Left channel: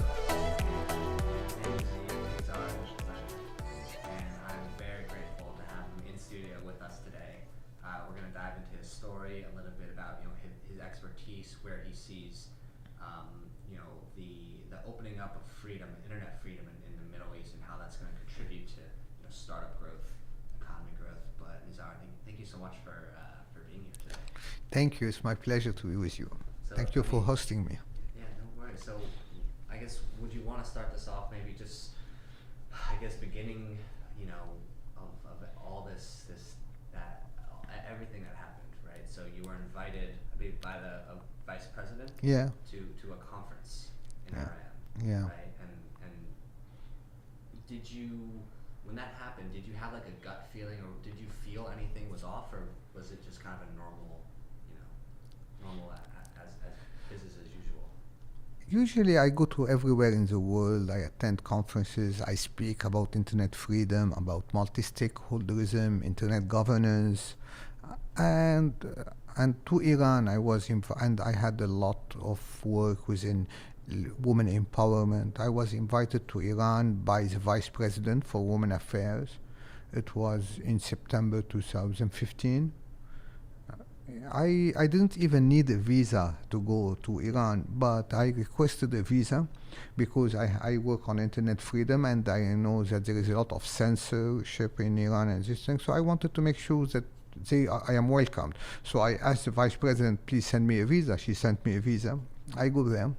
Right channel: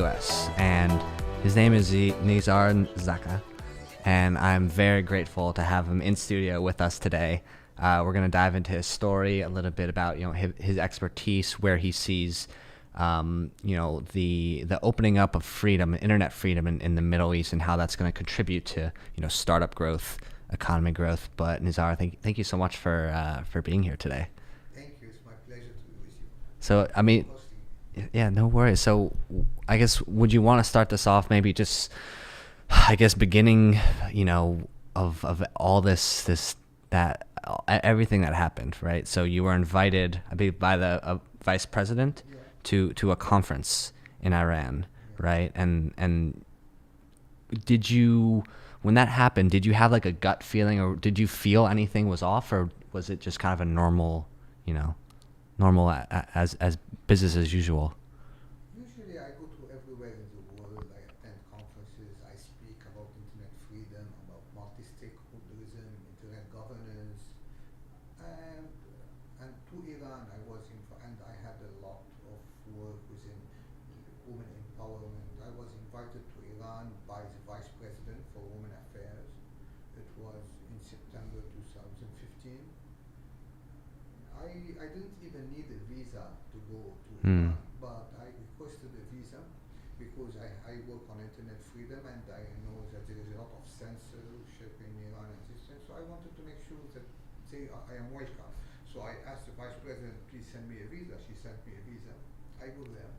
U.S. and his name is Nizar Zakka, and I'm very grateful to have him in studio with us today. We're going to dive into his story, a little bit about his expertise, where he sees the opening up of freedom, internet freedom in the Middle East, and how that's going to contribute to startup growth, economy growth. But Nizar, thank you so much for being here today. Thank you. It's my pleasure to be with you. So Thank you for hosting me. Yeah, no worries. So I guess, would you want to start this off maybe just, beginning, of all everything that happened, right? So you were invited, I believe, by the vice president, to a conference in Iran, right? And did you, when that happened, did you have like a gut feeling, or did you feel anything was off, or was it just kind of a normal as business as usual? Usually I go to everywhere in the world. I attend conferences. I speak about internet freedom, about multi-stakeholderism, internet governance, and to Iran I was and I had a lot of work within women empowerment. I was invited to Iran by the Vice President for Women Affairs. It was in September 2015. I didn't even need a visa to go to Iran, but I requested a visa because I work on internet freedom, and I know that there is a lot of censorship in Iran and this thing. So I wanted to make sure that I am welcomed. So I asked the Vice President, please send me a visa. She sent me a visa. I go there,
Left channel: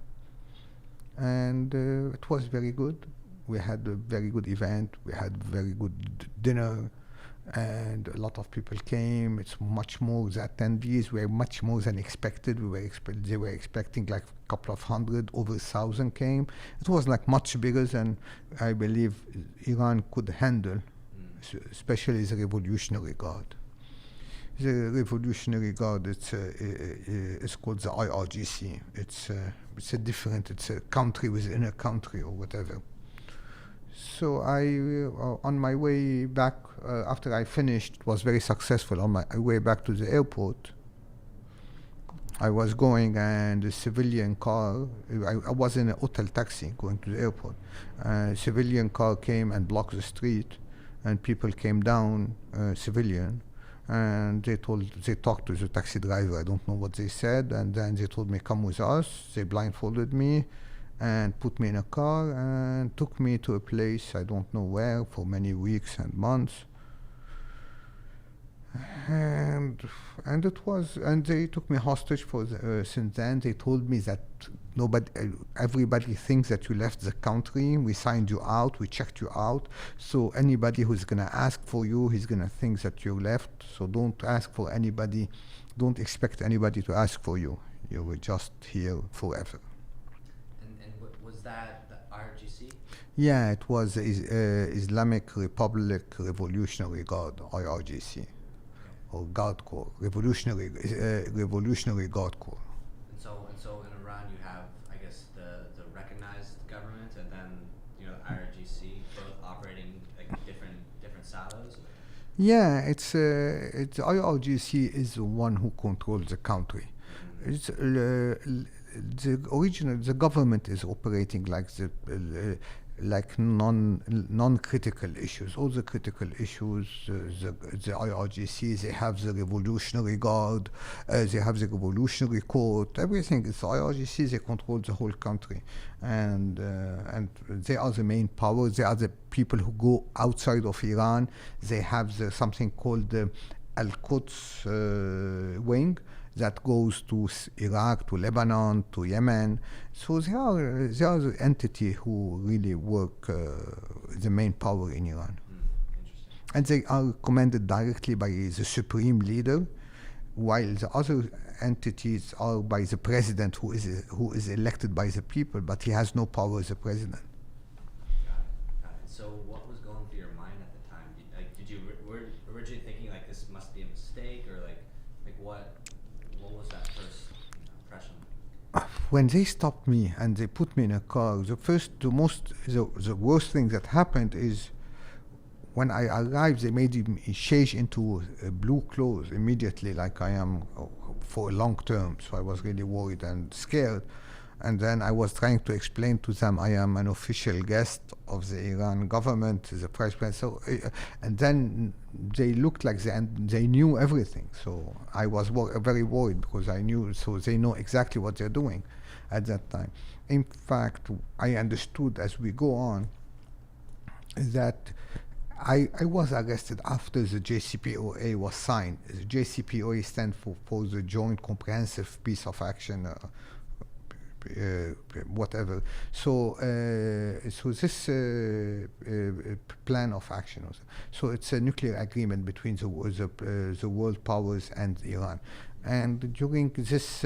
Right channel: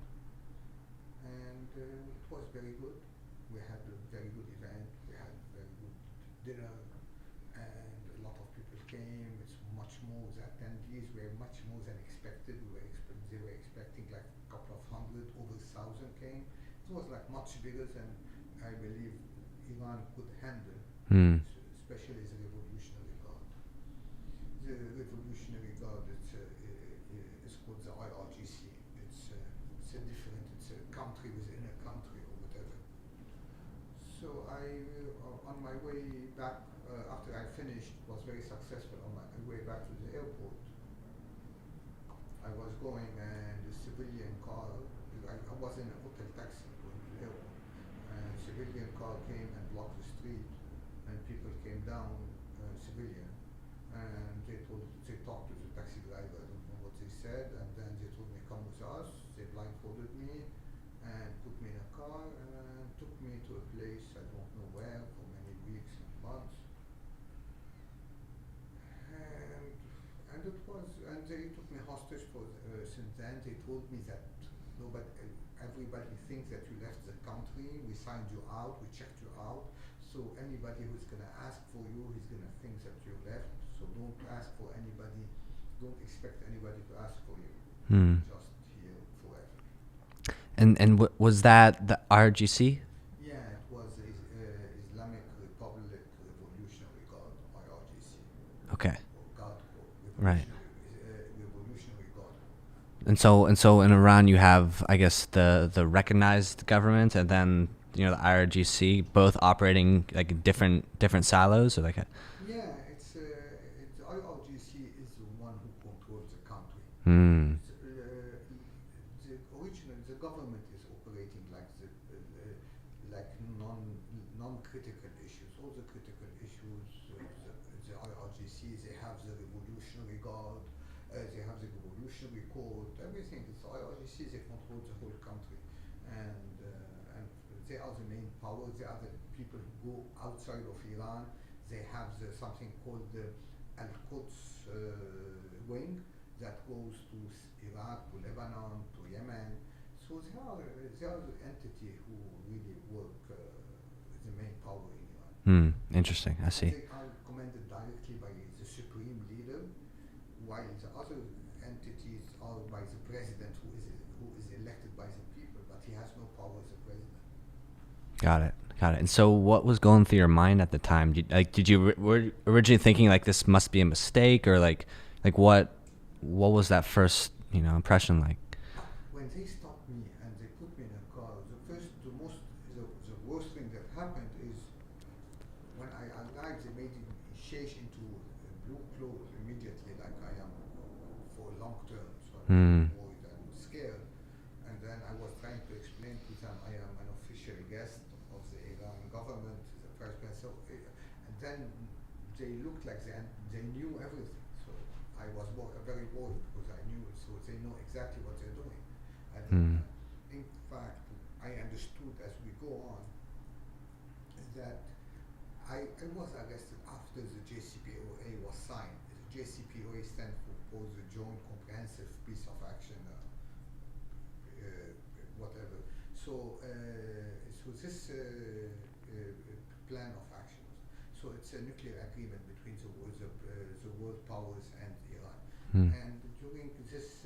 and it was very good. We had a very good event. We had very good dinner, and a lot of people came. It's much more, the attendees were much more than expected. They were expecting like a couple of hundred, over 1,000 came. It was like much bigger than I believe Iran could handle, especially the Revolutionary Guard. The Revolutionary Guard, it's called the IRGC. It's a country within a country or whatever. So on my way back, after I finished, it was very successful. On my way back to the airport, I was going, and a civilian car, I was in a hotel taxi going to the airport. A civilian car came and blocked the street, and people came down, civilian, and they talked to the taxi driver. I don't know what they said, and then they told me, come with us. They blindfolded me and put me in a car and took me to a place I don't know where for many weeks and months. And they took me hostage for since then. They told me that everybody thinks that you left the country. We signed you out, we checked you out. So anybody who's gonna ask for you, he's gonna think that you left. So don't ask for anybody. Don't expect anybody to ask for you. You're just here forever. And was that the RGC? Yeah, it was Islamic Republic Revolutionary Guard, IRGC. Okay. Or Guard Corps, Revolutionary Guard Corps. And so in Iran you have, I guess, the recognized government, and then the IRGC, both operating like different silos, or like a... Yeah, it's IRGC is the one who controls the country. It's the government is operating like non-critical issues. All the critical issues, the IRGC, they have the Revolutionary Guard, they have the Revolutionary Court, everything. It's the IRGC, they control the whole country. And they are the main power. They are the people who go outside of Iran. They have something called the Al-Quds wing, that goes to Iraq, to Lebanon, to Yemen. So they are the entity who really work the main power in Iran. Interesting. I see. And they are commanded directly by the supreme leader, while the other entities are by the president, who is elected by the people, but he has no power as a president. Got it. And so what was going through your mind at the time? Did you were originally thinking like this must be a mistake, or like what was that first impression like? When they stopped me and they put me in a car, the worst thing that happened is when I arrived, they made me change into blue clothes immediately, like I am for a long term. So I was really worried and scared. And then I was trying to explain to them I am an official guest of the Iran government, the president. So, and then they looked like they knew everything. So I was very worried because I knew, so they know exactly what they're doing at that time. In fact, I understood as we go on that I was arrested after the JCPOA was signed. The JCPOA stands for the Joint Comprehensive Peace of Action, whatever. So, this plan of action, also. So it's a nuclear agreement between the world powers and Iran. And during this,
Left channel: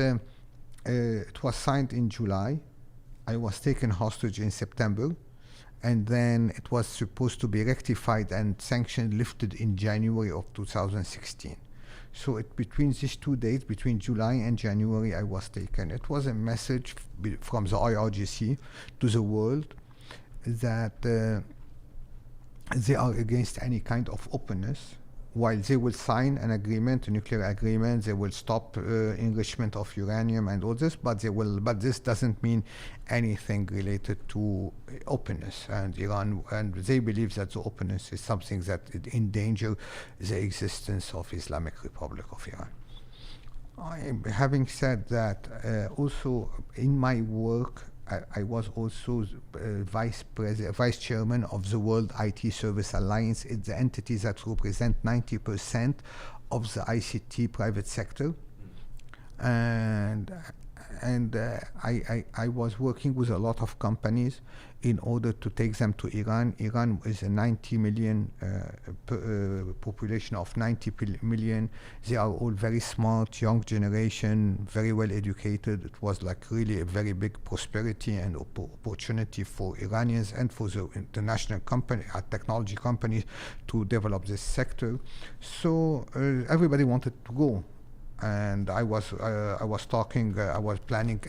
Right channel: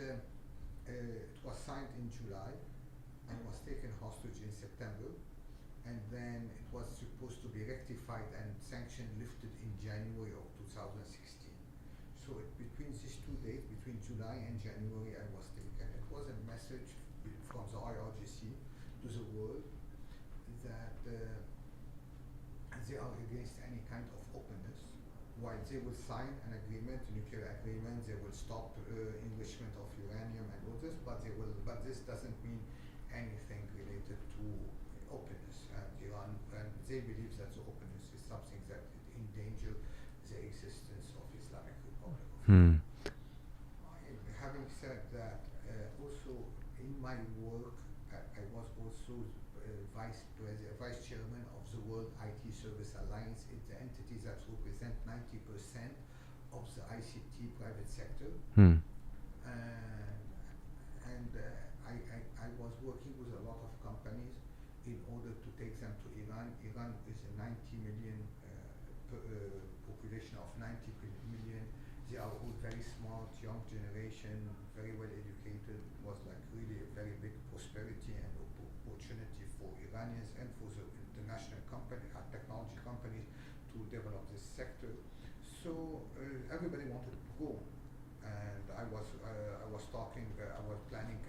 it was signed in July. I was taken hostage in September. And then it was supposed to be rectified and sanctions lifted in January of 2016. So between these 2 dates, between July and January, I was taken. It was a message from the IRGC to the world that they are against any kind of openness. While they will sign an agreement, a nuclear agreement, they will stop enrichment of uranium and all this, but this doesn't mean anything related to openness. And Iran, and they believe that the openness is something that endanger the existence of Islamic Republic of Iran. Having said that, also in my work, I was also vice chairman of the World IT Service Alliance. It's the entity that represents 90% of the ICT private sector. And I was working with a lot of companies in order to take them to Iran. Iran is a 90 million population of 90 million. They are all very smart, young generation, very well educated. It was like really a very big prosperity and opportunity for Iranians and for the international technology companies to develop this sector. So everybody wanted to go. And I was planning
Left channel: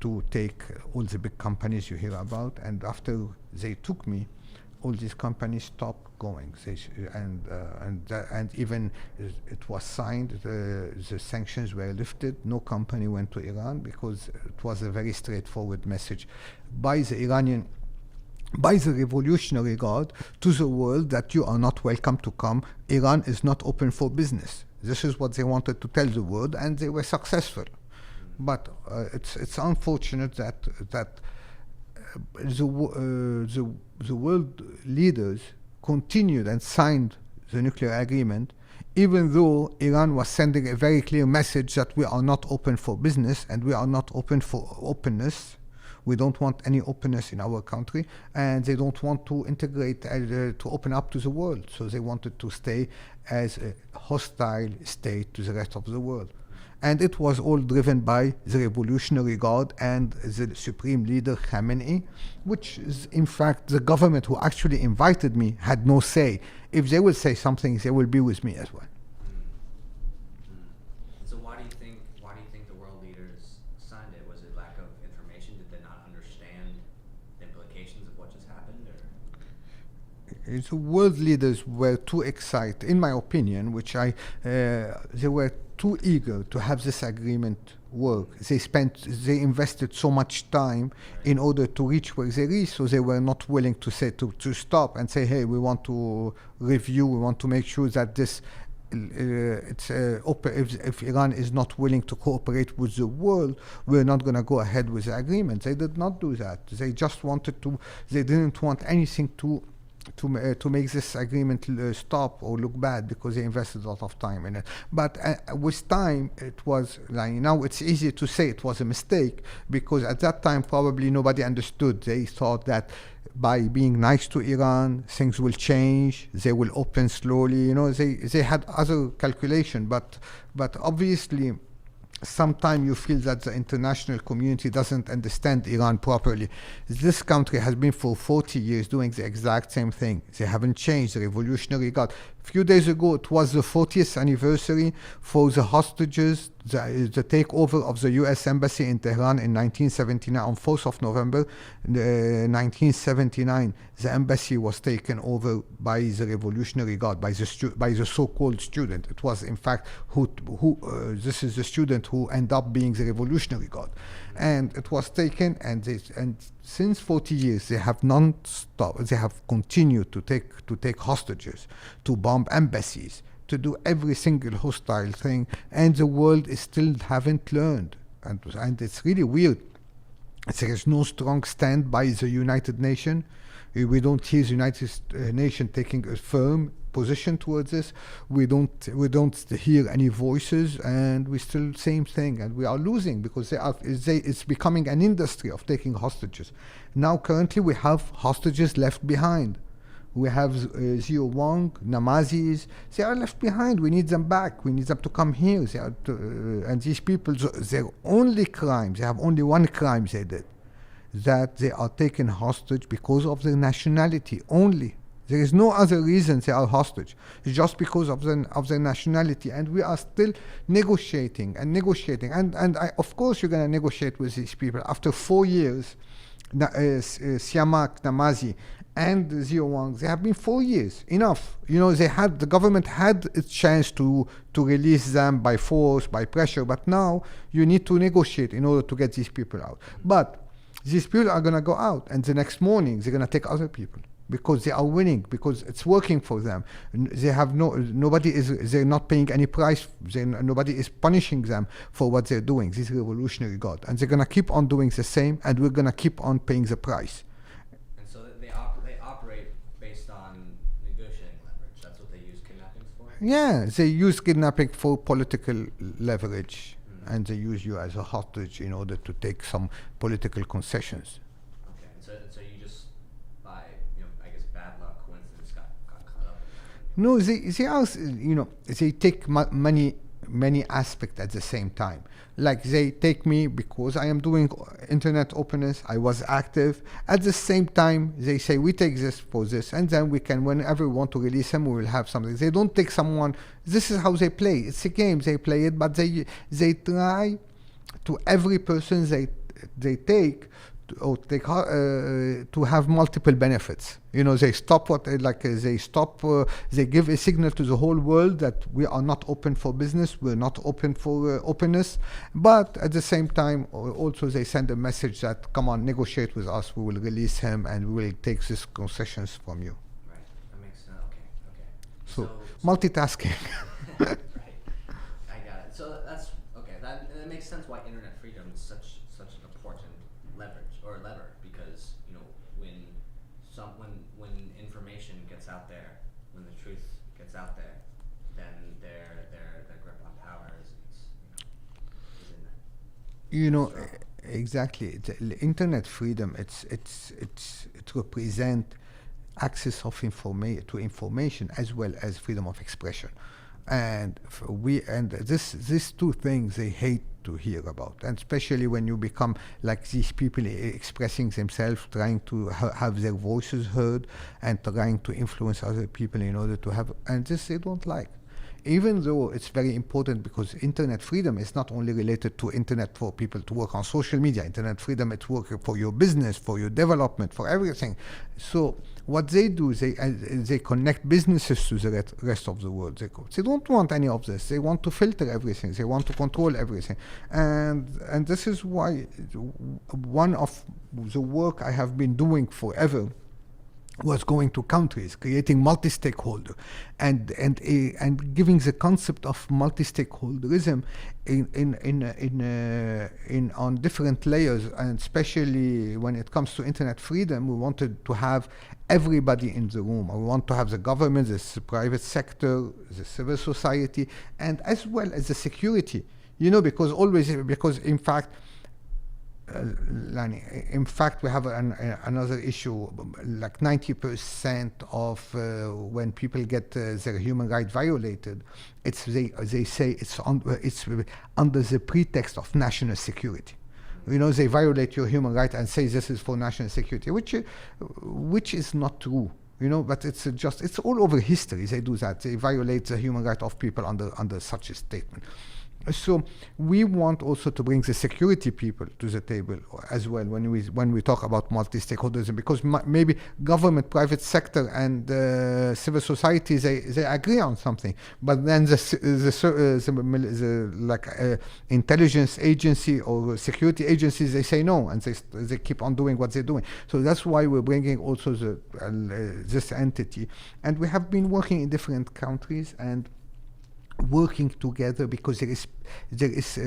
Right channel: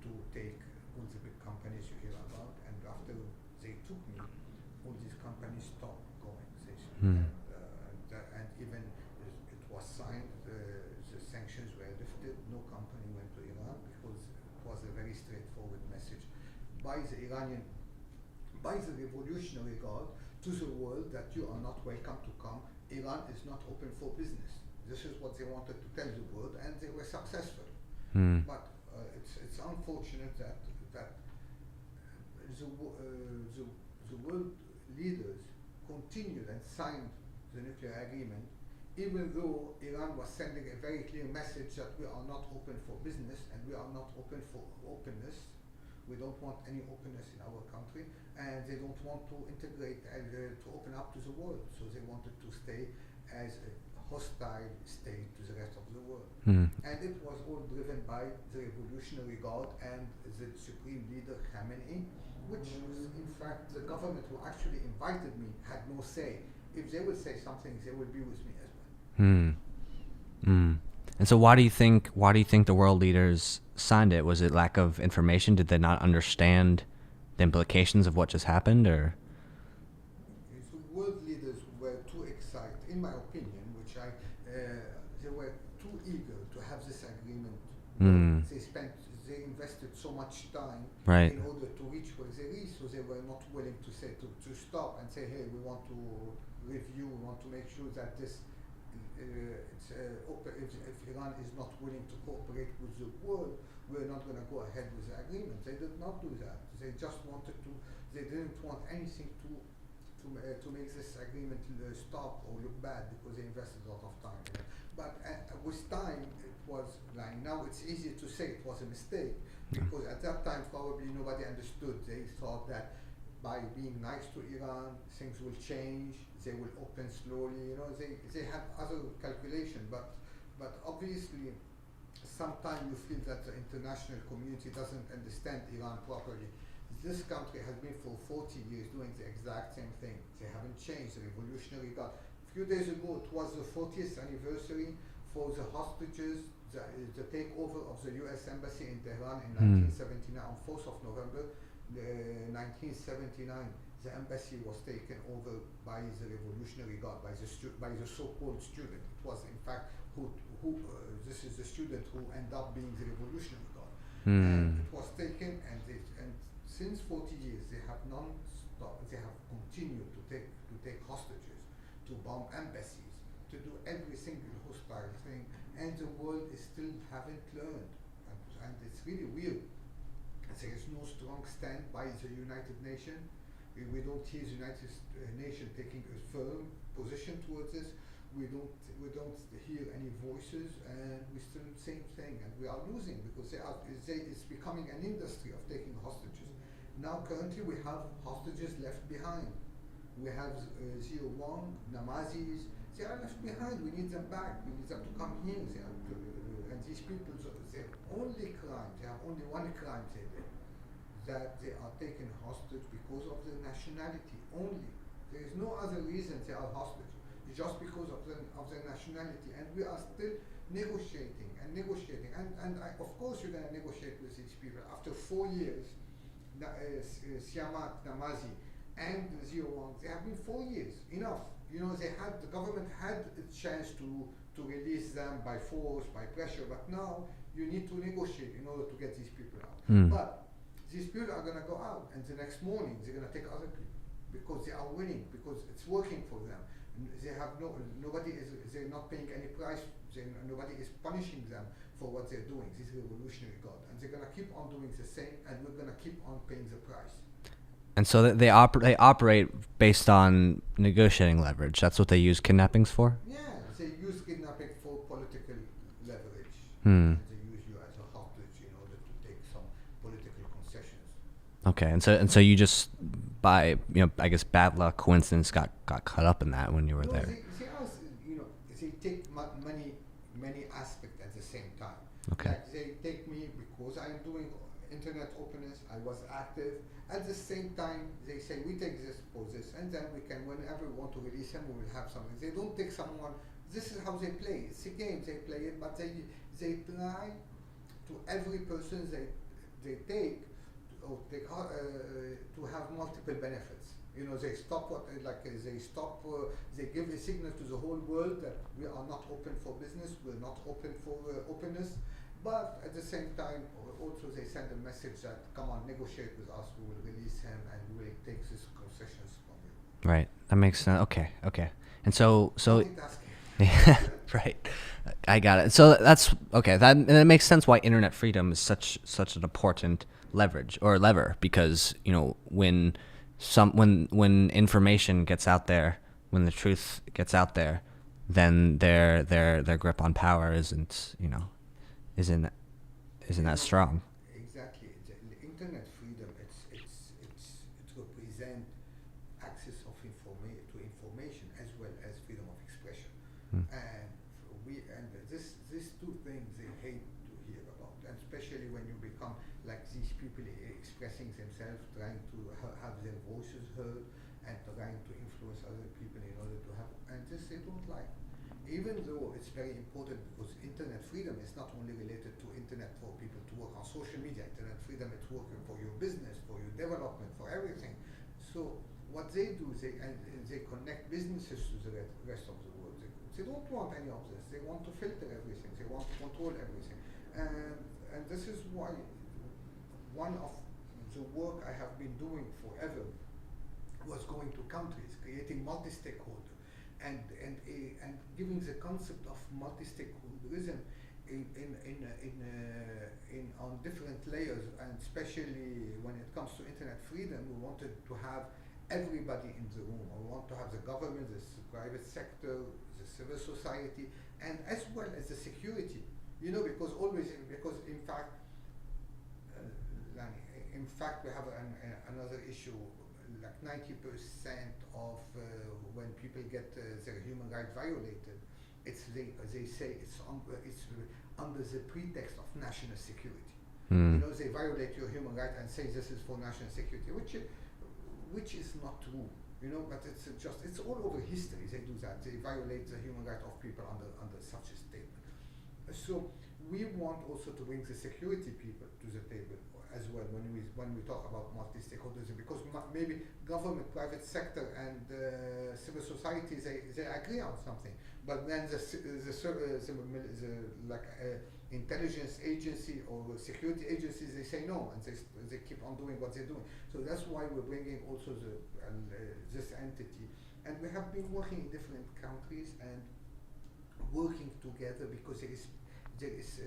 to take all the big companies you hear about, and after they took me, all these companies stopped going. And even it was signed, the sanctions were lifted. No company went to Iran because it was a very straightforward message by the Revolutionary Guard to the world that you are not welcome to come. Iran is not open for business. This is what they wanted to tell the world, and they were successful. But it's unfortunate that the world leaders continued and signed the nuclear agreement, even though Iran was sending a very clear message that we are not open for business and we are not open for openness. We don't want any openness in our country, and they don't want to integrate, to open up to the world. So they wanted to stay as a hostile state to the rest of the world. And it was all driven by the Revolutionary Guard and the Supreme Leader Khamenei, which is, in fact, the government who actually invited me had no say. If they will say something, they will be with me as well. And so why do you think the world leaders signed it? Was it lack of information? Did they not understand the implications of what just happened, or? The world leaders were too excited, in my opinion, they were too eager to have this agreement work. They invested so much time in order to reach where they reached, so they were not willing to stop and say, hey, we want to review, we want to make sure that this if Iran is not willing to cooperate with the world, we're not going to go ahead with the agreement. They did not do that. They just wanted to. They didn't want anything to make this agreement stop or look bad, because they invested a lot of time in it. But with time, it was like, now it's easy to say it was a mistake, because at that time probably nobody understood. They thought that by being nice to Iran, things will change, they will open slowly. They had other calculation, but obviously sometimes you feel that the international community doesn't understand Iran properly. This country has been for 40 years doing the exact same thing. They haven't changed. The Revolutionary Guard. A few days ago, it was the 40th anniversary for the hostages, the takeover of the U.S. Embassy in Tehran in 1979. On 4th of November 1979, the embassy was taken over by the Revolutionary Guard, by the so-called student. It was, in fact, this is the student who ended up being the Revolutionary Guard. and it was taken, and since 40 years they have they have continued to take hostages, to bomb embassies, to do every single hostile thing, and the world is still haven't learned, and it's really weird. There is no strong stand by the United Nations. We don't hear the United Nations taking a firm position towards this. We don't hear any voices, and we still same thing, and we are losing because it's becoming an industry of taking hostages. Now currently we have hostages left behind. We have Zio Wang, Namazis. They are left behind. We need them back. We need them to come here. And these people, their only crime, they have only one crime they did, that they are taken hostage because of their nationality only. There is no other reason they are hostage. It's just because of their nationality. And we are still negotiating. And of course you're going to negotiate with these people. After 4 years, Siamak, Namazi, and Zio Wang, they have been 4 years. Enough. The government had its chance to release them by force, by pressure, but now you need to negotiate in order to get these people out. But these people are going to go out, and the next morning they're going to take other people because they are winning, because it's working for them. They have they're not paying any price. Nobody is punishing them for what they're doing. This revolutionary God, and they're going to keep on doing the same, and we're going to keep on paying the price. And so they operate based on negotiating leverage. That's what they use kidnappings for? Yeah, they use kidnapping for political leverage, and they use you as a hostage in order to take some political concessions. Okay, and so you just, by I guess bad luck, coincidence, got caught up in that when you were No, there. they also, they take many aspects at the same time. Okay. Like they take me because I am doing internet openness, I was active. At the same time, they say we take this for this, and then we can, whenever we want to release him, we will have something. They don't take someone. This is how they play. It's a game, they play it, but they try to every person they take to have multiple benefits. They stop they give a signal to the whole world that we are not open for business, we're not open for openness, but at the same time also they send a message that, come on, negotiate with us, we will release him and we will take these concessions from you. Right, that makes sense. Okay. And so multitasking. Right, I got it. So that's okay, and it makes sense why internet freedom is such an important lever, because when information gets out there, when the truth gets out there, then their grip on power isn't that strong. Exactly. The internet freedom, it represents access of to information as well as freedom of expression. And these two things they hate to hear about, and especially when you become like these people expressing themselves, trying to have their voices heard and trying to influence other people in order to have, and this they don't like. Even though it's very important, because internet freedom is not only related to internet for people to work on social media. Internet freedom, it's work for your business, for your development, for everything. So what they do, they connect businesses to the rest of the world. They don't want any of this. They want to filter everything. They want to control everything. And this is why one of the work I have been doing forever was going to countries, creating multi-stakeholder, and giving the concept of multi-stakeholderism in on different layers, and especially when it comes to internet freedom, we wanted to have everybody in the room. We want to have the government, the private sector, the civil society, and as well as the security. Because in fact. In fact, we have another issue. Like 90% of when people get their human rights violated, they say it's under the pretext of national security. They violate your human rights and say this is for national security, which is not true. But it's all over history. They do that. They violate the human rights of people under such a statement. So we want also to bring the security people to the table as well when we talk about multi-stakeholderism, because maybe government, private sector, and civil society they agree on something, but then the intelligence agency or security agencies, they say no, and they keep on doing what they're doing. So that's why we're bringing also this entity, and we have been working in different countries and working together, because there is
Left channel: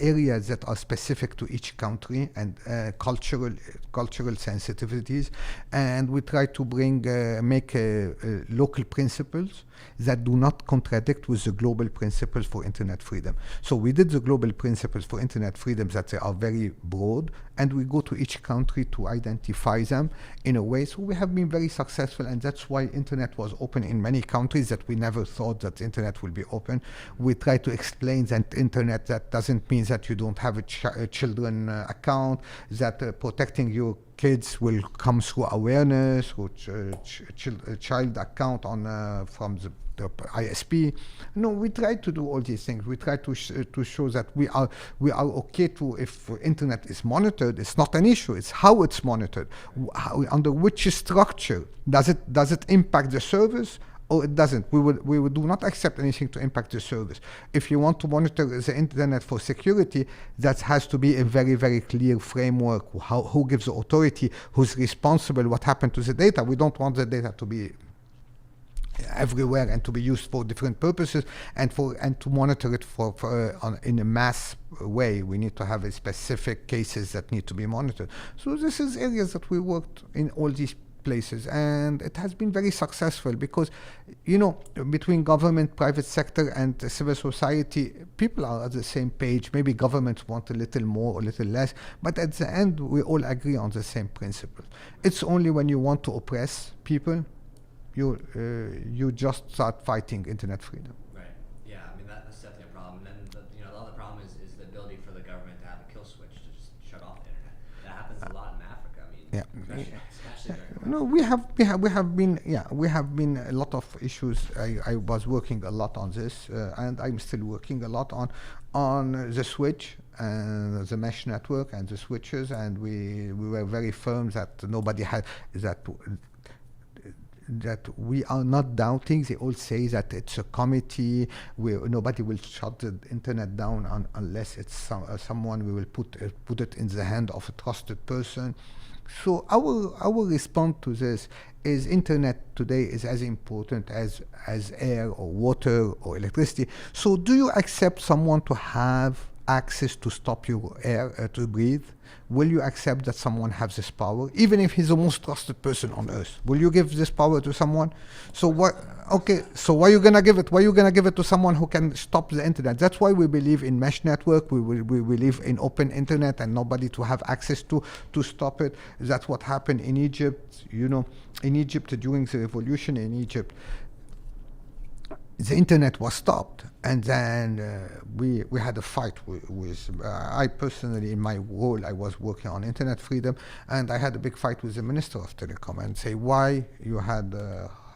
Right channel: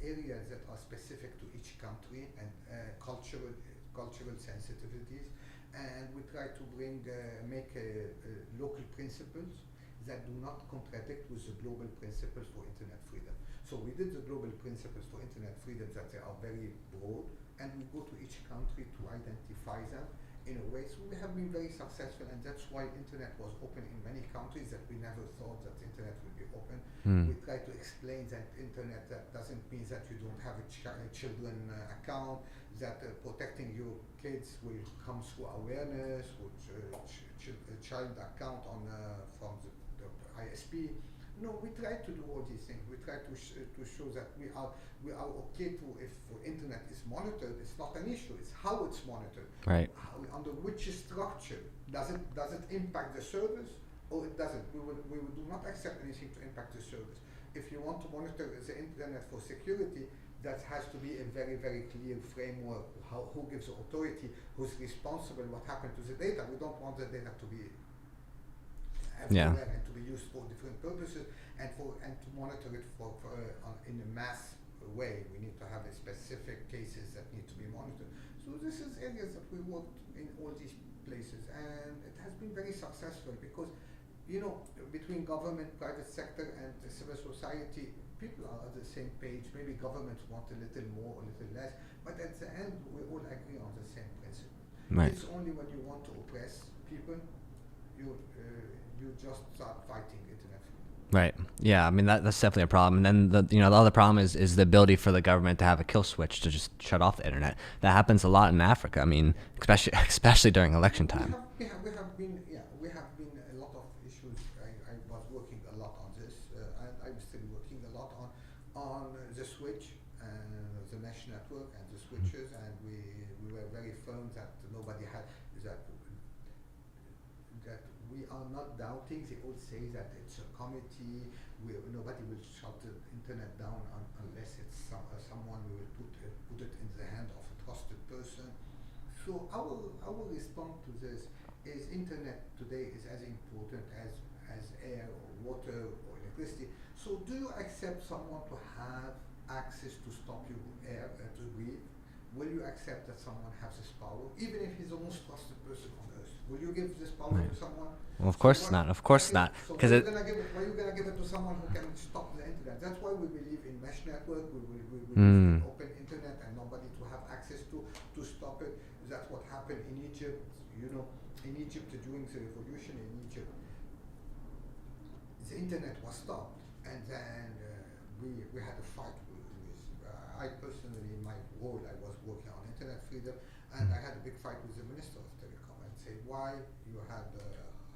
areas that are specific to each country and cultural sensitivities, and we try to make local principles that do not contradict with the global principles for internet freedom. So we did the global principles for internet freedom that they are very broad, and we go to each country to identify them in a way. So we have been very successful, and that's why internet was open in many countries that we never thought that internet will be open. We try to explain that internet, that doesn't mean that you don't have a children account, that protecting your kids will come through awareness, or child account from the ISP. No, we try to do all these things. We try to show that we are okay to, if internet is monitored, it's not an issue. It's how it's monitored, right. Under which structure. Does it impact the service? Or it doesn't. We would do not accept anything to impact the service. If you want to monitor the internet for security, that has to be a very, very clear framework. Who gives the authority? Who's responsible? What happened to the data? We don't want the data to be everywhere and to be used for different purposes, and to monitor it in a mass way. We need to have a specific cases that need to be monitored. So this is areas that we worked in all these places, and it has been very successful, because between government, private sector, and civil society, people are at the same page. Maybe governments want a little more or a little less, but at the end we all agree on the same principle. Right. It's only when you want to oppress people you just start fighting internet freedom. Right. Yeah. I mean, that's definitely a problem. And then the other problem is the ability for the government to have a kill switch to just shut off the internet. That happens a lot in Africa. I mean, especially during election time. We have been a lot of issues. I was working a lot on this, and I'm still working a lot on the switch and the mesh network and the switches, and we were very firm that nobody had that we are not doubting. They all say that it's a committee where nobody will shut the internet down unless it's someone we will put it in the hand of a trusted person. So our response to this is internet today is as important as air or water or electricity. So do you accept someone to have access to stop your air to breathe? Will you accept that someone has this power, even if he's the most trusted person on earth? Will you give this power to someone? Well, of course not. Of course not. So why are you gonna give it? Why are you gonna give it to someone who can stop the internet? That's why we believe in mesh network. We believe in open internet and nobody to have access to stop it. That's what happened in Egypt. In Egypt during the revolution in Egypt, the internet was stopped, and then we had a fight with I personally, in my role, I was working on internet freedom, and I had a big fight with the Minister of Telecom and say, why you had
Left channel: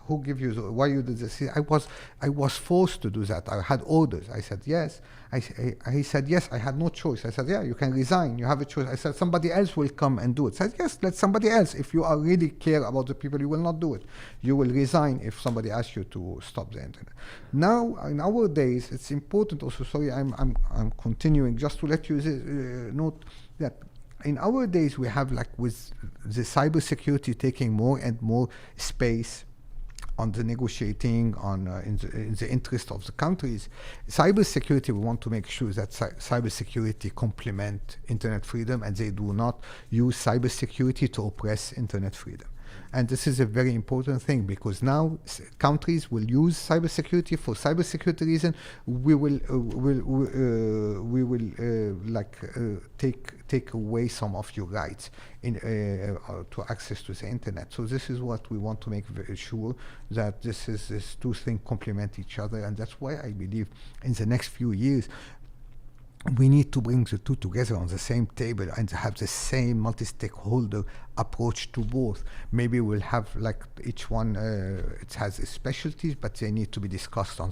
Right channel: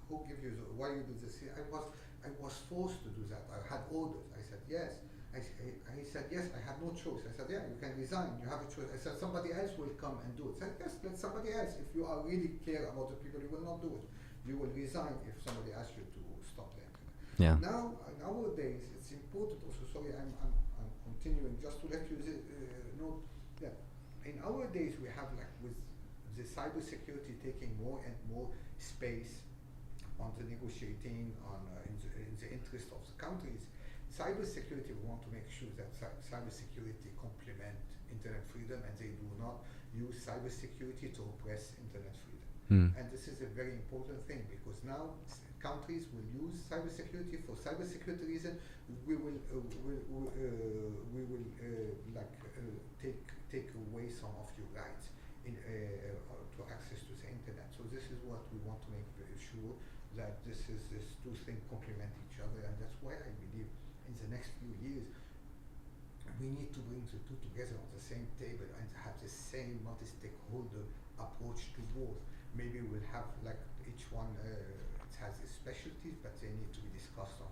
who give you why you did this? I was forced to do that. I had orders. I said yes. He said yes. I had no choice. I said yeah, you can resign. You have a choice. I said somebody else will come and do it. I said yes, let somebody else. If you are really care about the people, you will not do it. You will resign if somebody asks you to stop the internet. Yeah. Now in our days, it's important also. Sorry, I'm continuing just to let you note that in our days we have, like, with the cybersecurity taking more and more space on the negotiating in the interest of the countries. Cybersecurity, we want to make sure that cybersecurity complement internet freedom, and they do not use cybersecurity to oppress internet freedom. And this is a very important thing, because now countries will use cybersecurity for cybersecurity reason. We will take away some of your rights to access to the internet. So this is what we want to make very sure, that these two things complement each other, and that's why I believe in the next few years we need to bring the two together on the same table and have the same multi-stakeholder approach to both. Maybe we'll have, like, each one it has its specialties, but they need to be discussed in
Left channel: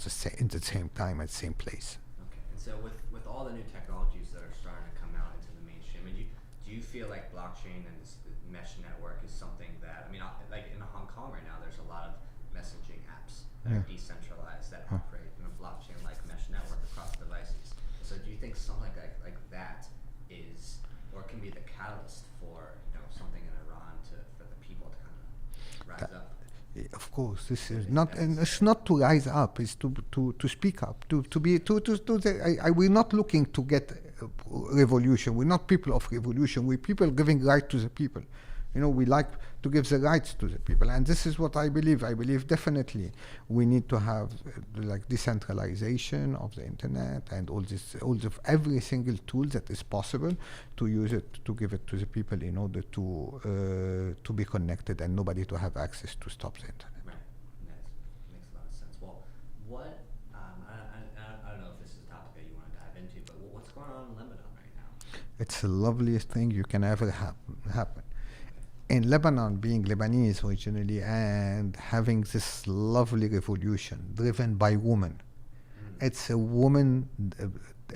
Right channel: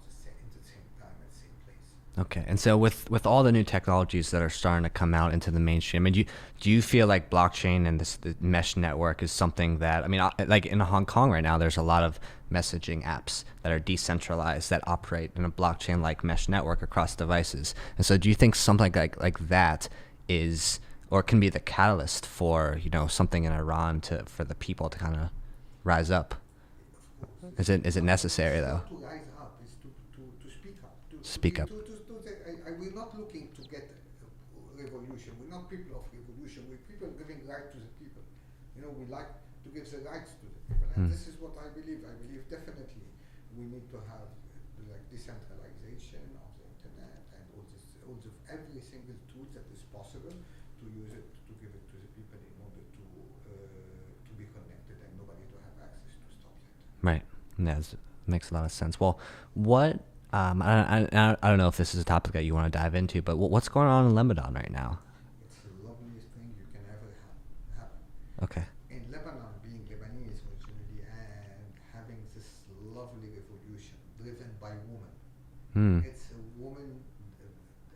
the same time at the same place. Okay, and so with all the new technologies that are starting to come out into the mainstream, I mean, do you feel like blockchain and the mesh network is something that, I mean, like in Hong Kong right now, there's a lot of messaging apps that are decentralized that operate in a blockchain-like mesh network across devices. And so, do you think something like that is or can be the catalyst for, you know, something in Iran for the people to kind of rise up? Of course, is it necessary? It's not to rise up; it's to speak up. We're not looking to get revolution. We're not people of revolution. We're people giving right to the people. You know, we like to give the rights to the people, and this is what I believe. I believe definitely we need to have like decentralization of the internet and all of every single tool that is possible to use it, to give it to the people in order to be connected and nobody to have access to stop the internet. Right. Yeah, makes a lot of sense. Well, what I don't know if this is a topic that you want to dive into, but what's going on in Lebanon right now? It's the loveliest thing you can ever happen. Okay. In Lebanon, being Lebanese originally and having this lovely revolution driven by women, it's a woman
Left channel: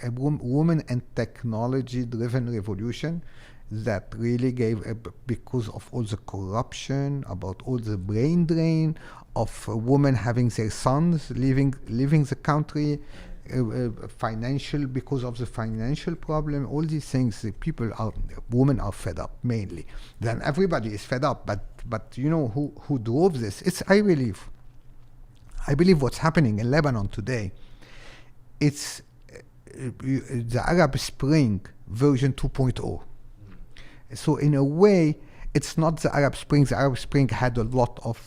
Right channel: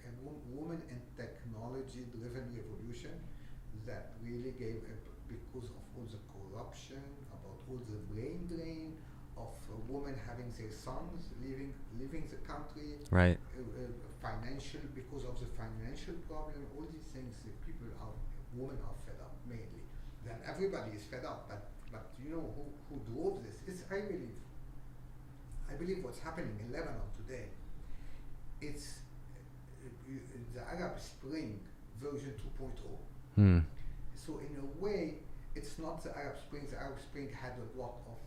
and technology-driven revolution that really gave, because of all the corruption, about all the brain drain of women having their sons leaving the country, right? Financial, because of the financial problem, all these things, women are fed up mainly. Then everybody is fed up, but you know who drove this? It's I believe what's happening in Lebanon today. It's the Arab Spring version 2.0. So in a way, it's not the Arab Spring. The Arab Spring had a lot of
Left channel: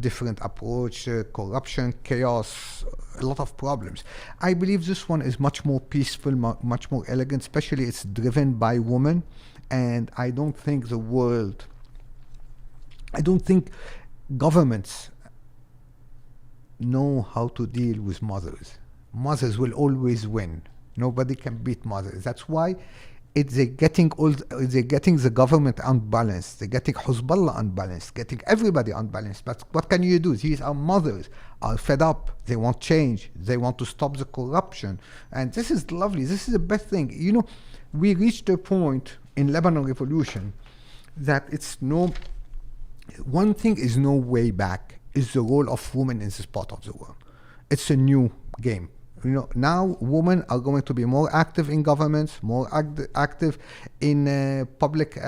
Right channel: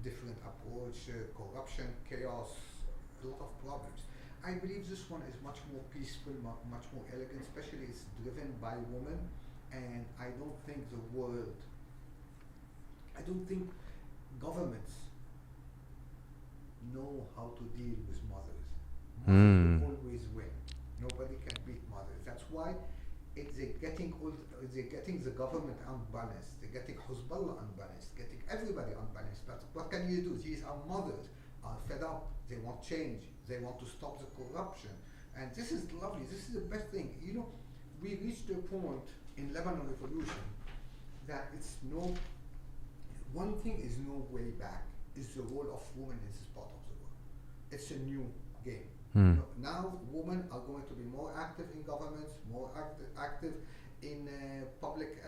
different approach, corruption, chaos, a lot of problems. I believe this one is much more peaceful, much more elegant, especially it's driven by women. And I don't think governments know how to deal with mothers. Mothers will always win. Nobody can beat mothers. That's why they're getting the government unbalanced. They're getting Hezbollah unbalanced, getting everybody unbalanced. But what can you do? These are mothers, are fed up. They want change. They want to stop the corruption. And this is lovely. This is the best thing. You know, we reached a point in Lebanon revolution that one thing is no way back, is the role of women in this part of the world. It's a new game. You know, now women are going to be more active in governments, more active in public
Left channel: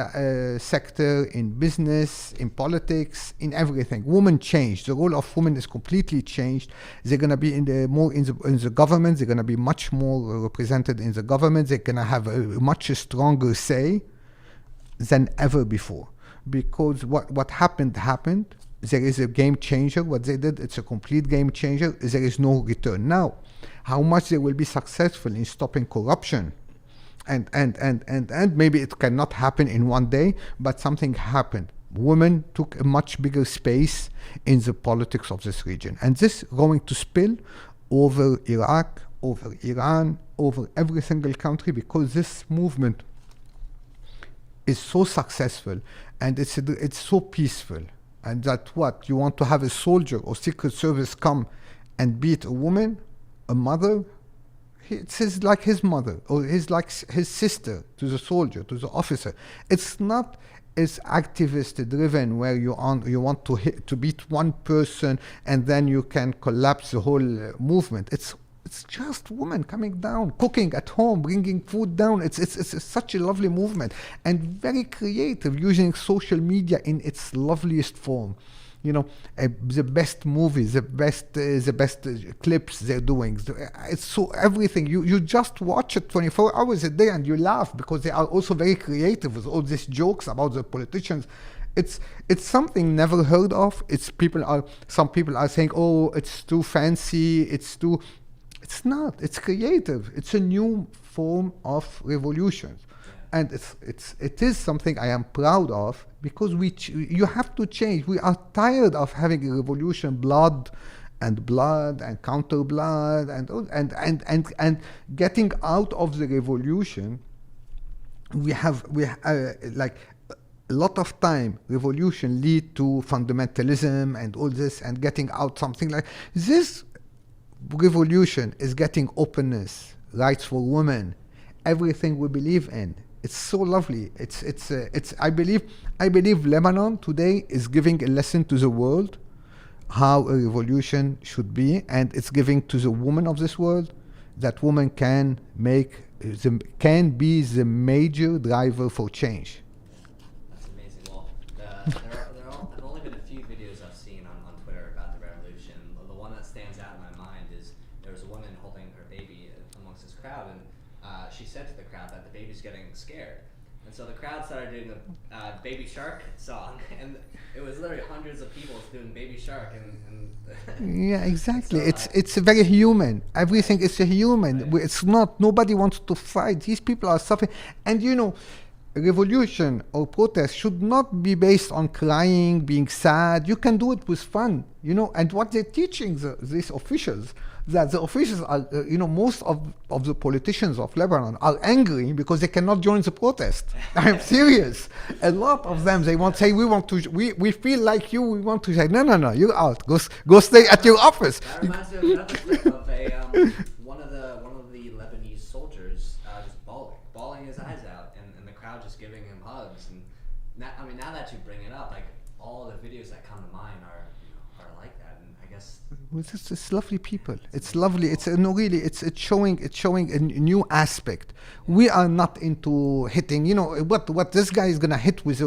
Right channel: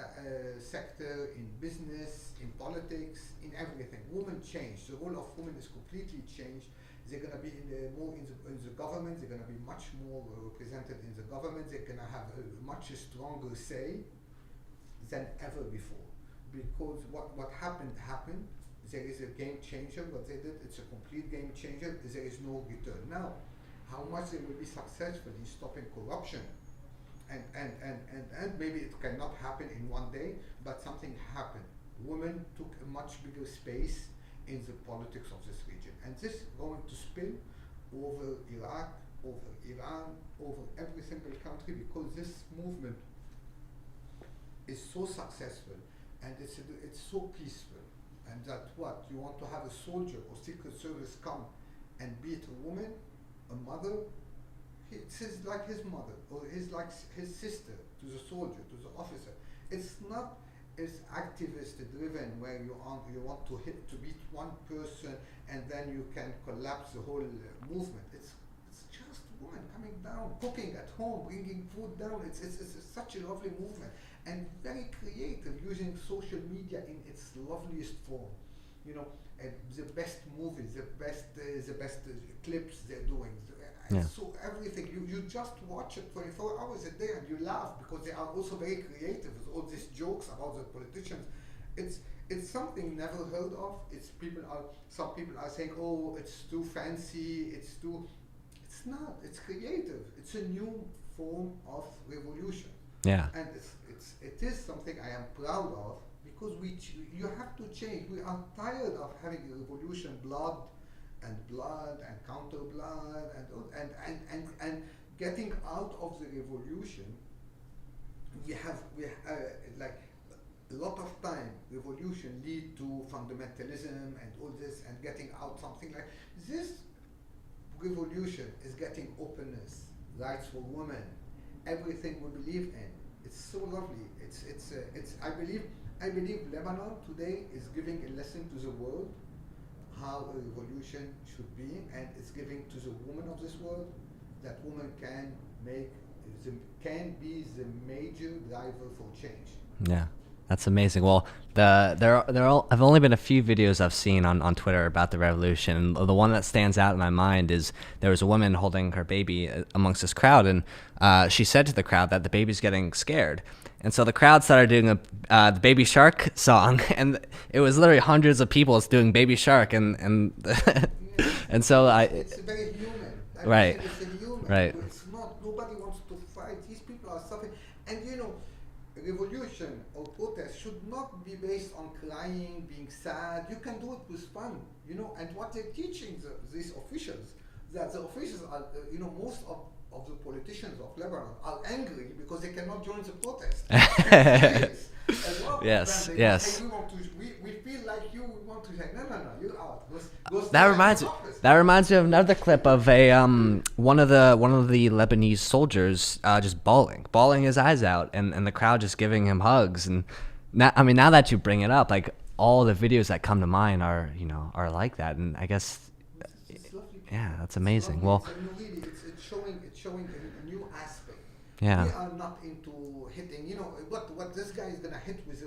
sector, in business, in politics, in everything. Women change. The role of women is completely changed. They're going to be in the government. They're going to be much more represented in the government. They're going to have a much stronger say than ever before. Because what happened. There is a game changer. What they did, it's a complete game changer. There is no return. Now, how much they will be successful in stopping corruption, and maybe it cannot happen in one day, but something happened. Women took a much bigger space in the politics of this region, and this going to spill over Iraq, over Iran, over every single country, because this movement is so successful and it's so peaceful, and that what you want to have a soldier or secret service come and beat a woman, a mother, it's like his mother, or he's like his sister to the soldier, to the officer. It's not as activist driven where you want to beat one person and then you can collapse the whole movement. It's just women coming down, cooking at home, bringing food down. It's such a lovely movement and very creative, using social media in its loveliest form. You know, the best movies, the best clips they're doing. So everything. You just watch it 24 hours a day and you laugh, because they are also very creative with all these jokes about the politicians. It's something never heard of. Some people are saying, oh, it's too fancy. It's not. It's creative. It's a new form of revolution. Yeah. And it is something I am proud of, because you have to change. We are tired of having a revolution, blood and counter blood and getting out of the revolution. We have like a lot of time. Revolution lead to fundamentalism and all this, and getting out something like this. revolution is getting openness, rights for women, everything we believe in. It's so lovely. I believe Lebanon today is giving a lesson to the world how a revolution should be, and it's giving to the woman of this world that woman can be the major driver for change. Yeah, that's amazing. Well, I've only been a few videos I've seen on Twitter about the revolution. The one that stands out in my mind is there was a woman holding her baby amongst this crowd, and she said to the crowd that the baby's getting scared. And so the crowd started doing the Baby Shark song, and it was literally hundreds of people doing Baby Shark, and yeah, exactly. And so it's very human. Everything is a human. Right. It's not. Nobody wants to fight. These people are suffering, and revolution or protest should not be based on crying, being sad. You can do it with fun, And what they're teaching these officials, that the officials are, most of the politicians of Lebanon are angry because they cannot join the protest. I'm serious. A lot of them, they want to say, we feel like you, we want to say, no, you're out. Go stay at your office. That reminds me of another clip of one of the Lebanese soldiers just bawling his eyes out, and the crowd just giving him hugs. And now that you bring it up, like all the videos that come to mind are like that, and I guess. It's lovely people. Yeah, that's it's amazing. Lovely. Well, It's showing a new aspect. Yeah. We are not into hitting. What this guy is gonna hit with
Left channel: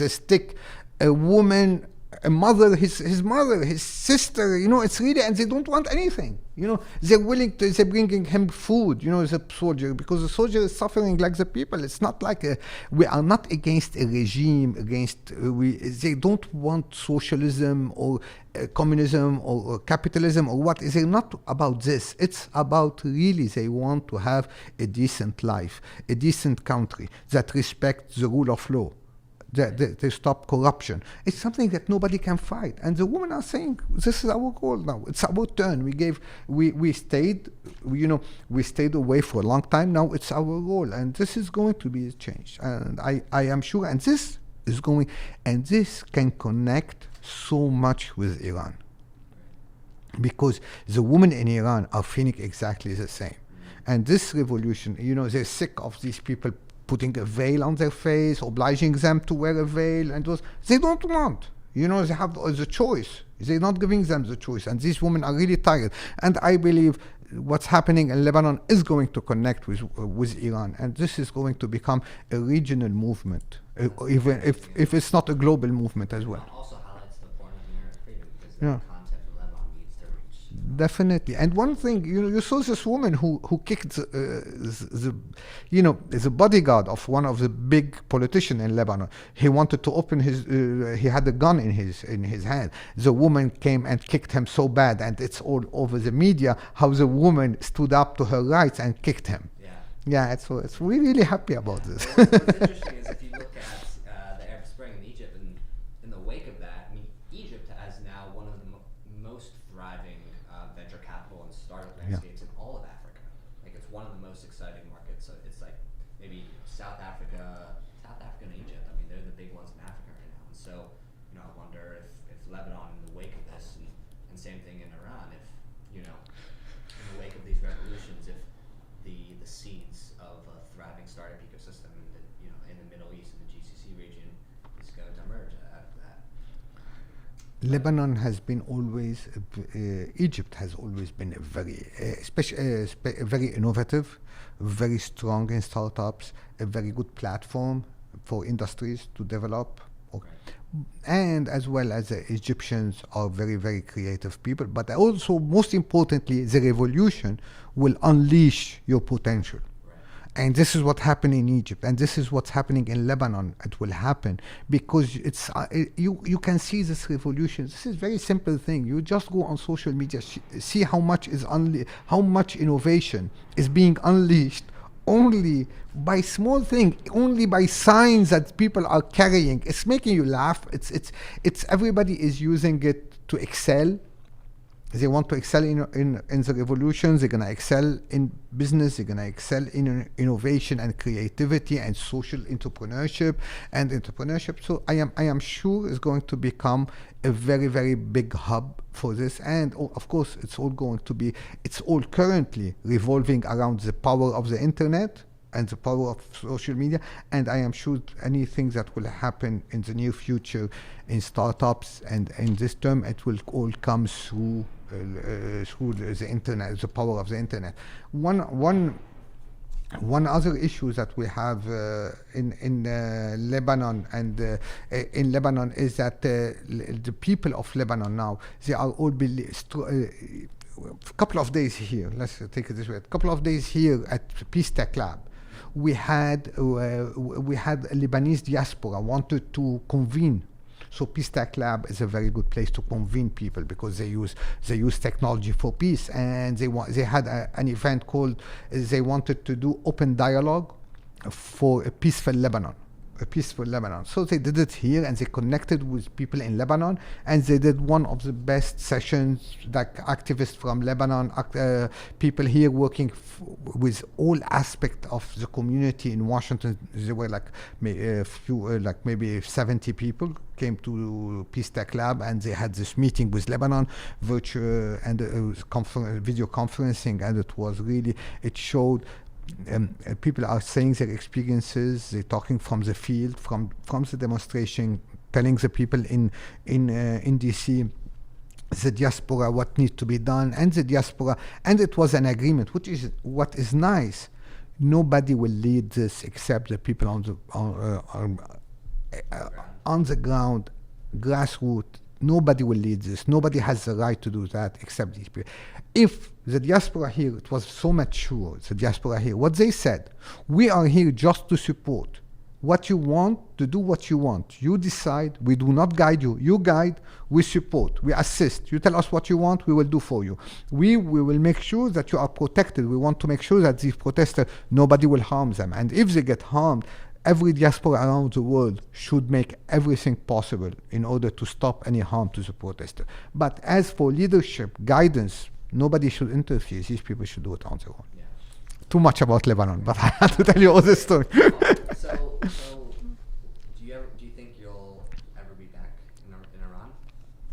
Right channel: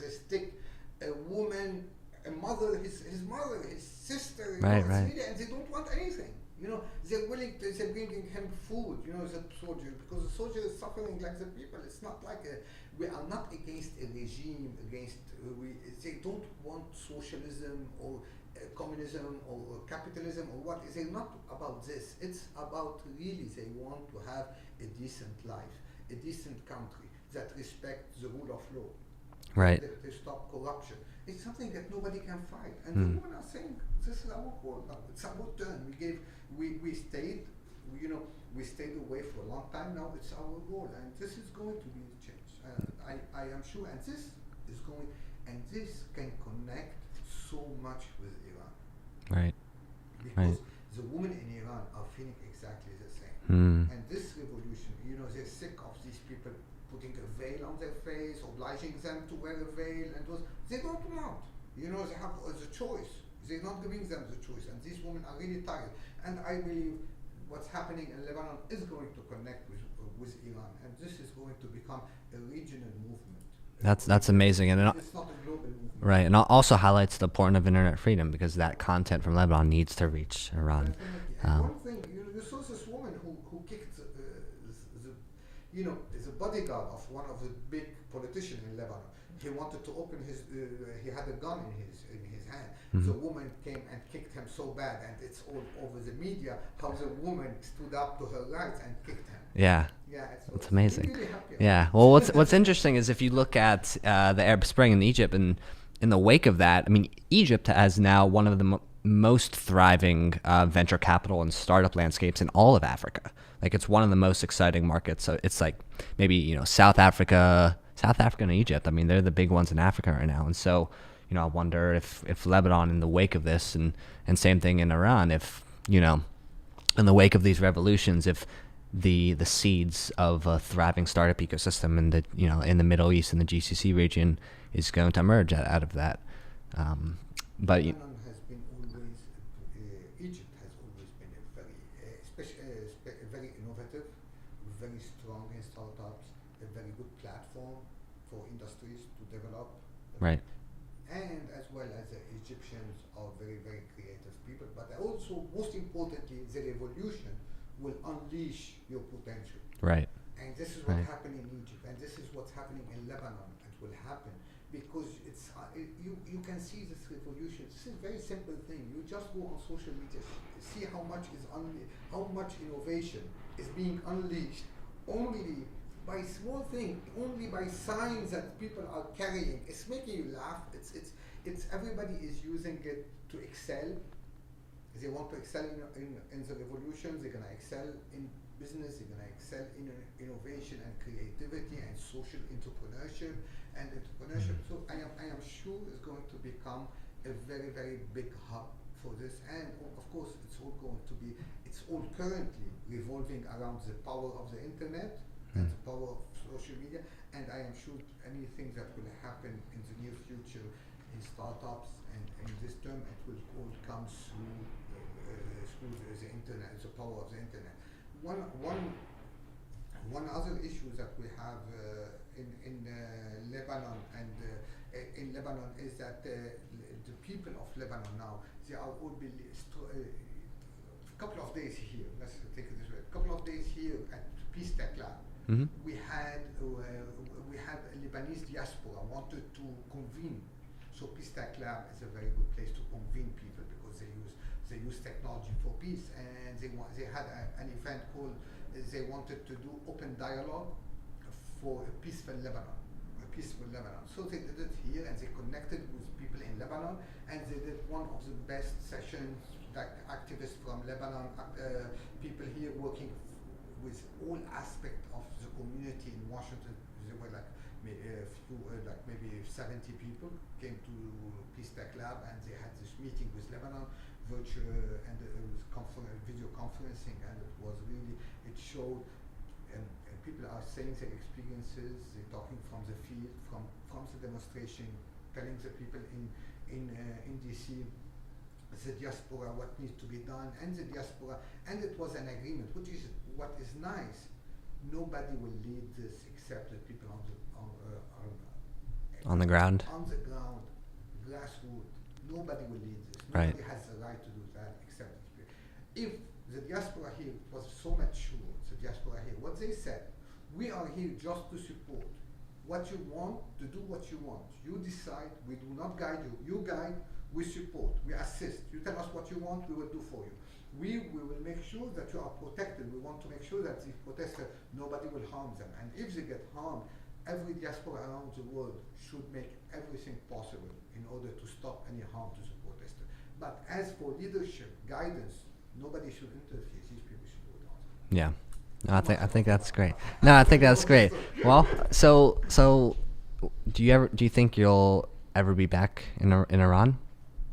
a stick, a woman, a mother, his mother, his sister. It's really, and they don't want anything. They're bringing him food. As a soldier, because the soldier is suffering like the people. It's not like we are not against a regime. They don't want socialism or communism or capitalism or what. They're not about this. It's about really they want to have a decent life, a decent country that respects the rule of law. They stop corruption. It's something that nobody can fight. And the women are saying, this is our goal now. It's our turn. We stayed away for a long time. Now it's our goal. And this is going to be a change. And I am sure. And this can connect so much with Iran. Right. Because the women in Iran are feeling exactly the same. And this revolution, they're sick of these people putting a veil on their face, obliging them to wear a veil, and they don't want. They have the choice. They're not giving them the choice, and these women are really tired. And I believe what's happening in Lebanon is going to connect with Iran, and this is going to become a regional movement. That's amazing. If it's not a global movement. Right, and also highlights the importance of internet freedom, because that content from Lebanon needs to reach Iran. Definitely. And one thing, you saw this woman who kicked the bodyguard of one of the big politicians in Lebanon. He wanted to open he had a gun in his hand. The woman came and kicked him so bad, and it's all over the media how the woman stood up to her rights and kicked him. Yeah. Yeah, we're really happy about this. Well, what's interesting is if you look at the Arab Spring in Egypt, and in the wake of that, Egypt has now one of the most thriving venture capital and startup landscapes in all of Africa. Like, it's one of the most exciting markets. So it's like maybe South Africa and Egypt. They're the big ones in Africa right now. And so I wonder if Lebanon, in the wake of this, and same thing in Iran, if in the wake of these revolutions, if the seeds of a thriving startup ecosystem in the Middle East and the GCC region is going to emerge out of that. Lebanon has been always, Egypt has always been a very, very innovative, very strong in startups, a very good platform for industries to develop. Right. And as well as the Egyptians are very, very creative people. But also, most importantly, the revolution will unleash your potential. Right. And this is what happened in Egypt, and this is what's happening in Lebanon. It will happen because it's you can see this revolution. This is a very simple thing. You just go on social media, see how much innovation is being unleashed only by small thing, only by signs that people are carrying. It's making you laugh. It's everybody is using it to excel. They want to excel in the revolution. They're going to excel in business. They're going to excel in innovation and creativity and social entrepreneurship. So I am sure it's going to become a very, very big hub for this. And of course, it's all currently revolving around the power of the internet and the power of social media. And I am sure anything that will happen in the near future in startups and in this term, it will all come through the internet, the power of the internet. One other issue that we have in Lebanon and in Lebanon is that the people of Lebanon now, they are all a couple of days here. Let's take it this way. A couple of days here at Peace Tech Lab. Mm-hmm. We had a Lebanese diaspora wanted to convene. So Peace Tech Lab is a very good place to convene people because they use technology for peace, and they had an event called they wanted to do open dialogue for a peaceful Lebanon. So they did it here, and they connected with people in Lebanon, and they did one of the best sessions, like activists from Lebanon, people here working with all aspects of the community in Washington. There were like maybe 70 people came to Peace Tech Lab, and they had this meeting with Lebanon, virtual and video conferencing, and it showed. People are saying their experiences. They're talking from the field, from the demonstration, telling the people in DC, the diaspora, what needs to be done, and the diaspora, and it was an agreement, which is what is nice. Nobody will lead this except the people on the ground, grassroots. Nobody will lead this. Nobody has the right to do that except these people. If the diaspora here, it was so mature, the diaspora here, what they said, we are here just to support what you want, to do what you want. You decide, we do not guide you. You guide, we support, we assist. You tell us what you want, we will do for you. We will make sure that you are protected. We want to make sure that these protesters, nobody will harm them. And if they get harmed, every diaspora around the world should make everything possible in order to stop any harm to the protester. But as for leadership, guidance, nobody should interfere. These people should do it on their own. Yeah. Too much about Lebanon. I think that's great. Well, so do you think you'll ever be back in Iran?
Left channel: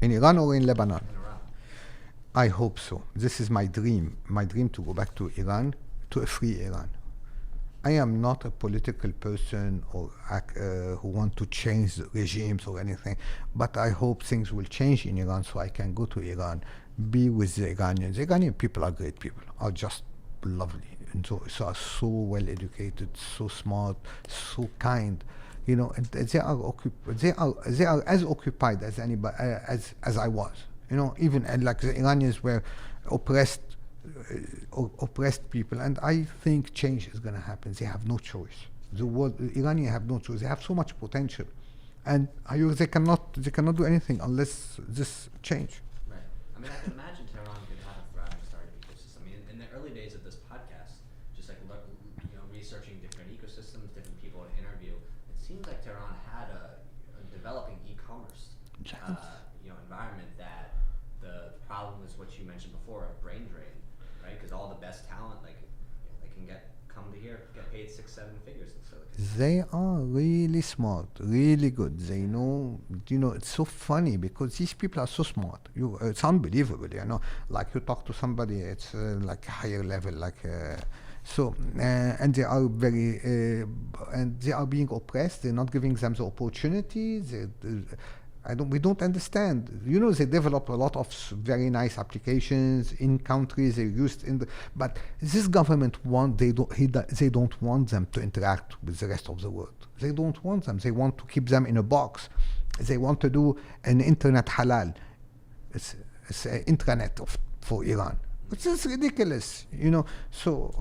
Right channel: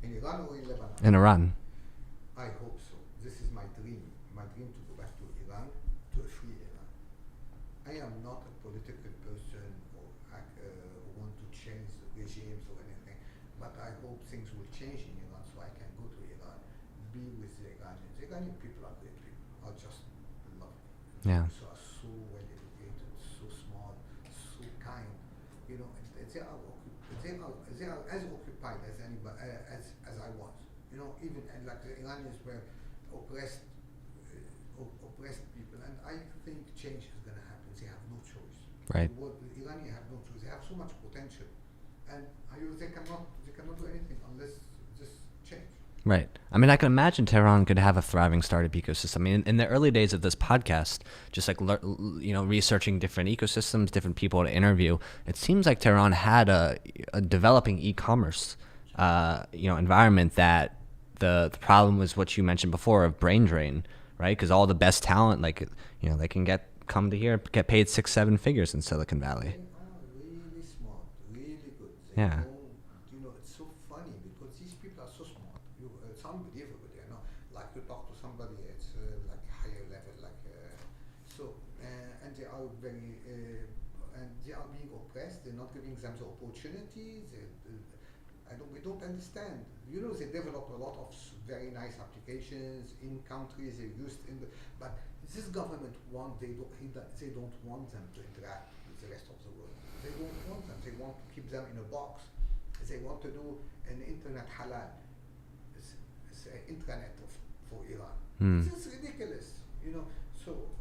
In Iran or in Lebanon? In Iran. I hope so. This is my dream. My dream to go back to Iran, to a free Iran. I am not a political person or who want to change the regimes or anything, but I hope things will change in Iran so I can go to Iran, be with the Iranians. The Iranian people are great people, are just lovely. And so are so well educated, so smart, so kind, and they are as occupied as anybody as I was, even and like the Iranians were oppressed people, and I think change is going to happen. They have no choice. Right. The Iranians have no choice. They have so much potential, and they cannot do anything unless this change. Right. I mean, I can imagine Tehran could have a thriving startup ecosystem. I mean, in the early days of this podcast, just like researching different ecosystems, different people to interview, it seems like Tehran had a developing e-commerce, environment. That the problem was what you mentioned before of brain drain, right? Because all the best talent, they can come to here, get paid 6-7 figures in Silicon Valley. They are really smart, really good. They know, it's so funny because these people are so smart. It's unbelievable, Like you talk to somebody, it's like higher level, and they are and they are being oppressed. They're not giving them the opportunities. We don't understand. They develop a lot of very nice applications in countries they used but this government they don't want them to interact with the rest of the world. They don't want them. They want to keep them in a box. They want to do an internet halal. It's an intranet for Iran. This is ridiculous, So,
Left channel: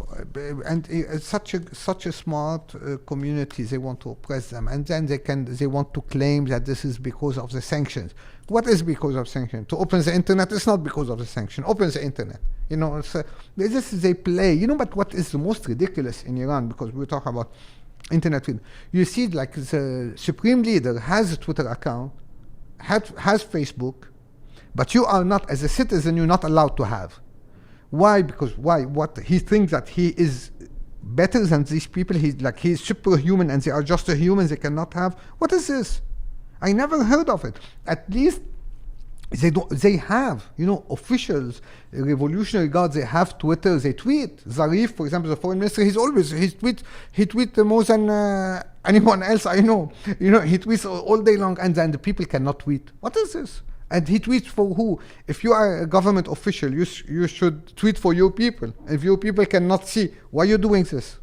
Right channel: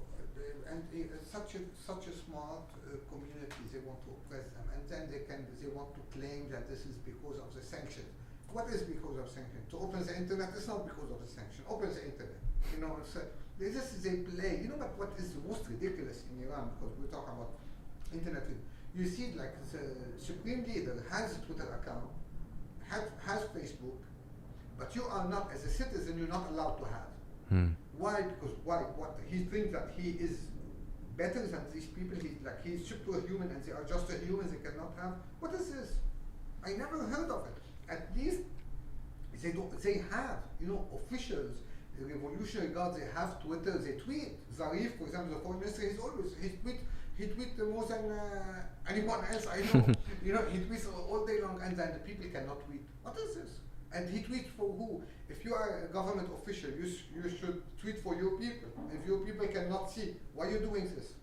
and it's such a smart community. They want to oppress them, and then they want to claim that this is because of the sanctions. What is because of sanctions? To open the internet, it's not because of the sanction. Open the internet. They play. But what is the most ridiculous in Iran? Because we talk about internet. You see, like the supreme leader has a Twitter account, has Facebook, But you are not, as a citizen, you're not allowed to have. Why? Because why? What he thinks that he is better than these people. He's superhuman, and they are just a human. They cannot have. What is this? I never heard of it. At least they have, officials, revolutionary guards. They have Twitter. They tweet. Zarif, for example, the foreign minister. He tweets more than anyone else I know. He tweets all day long, and then the people cannot tweet. What is this? And he tweets for who? If you are a government official, you should tweet for your people. If your people cannot see, why are you doing this?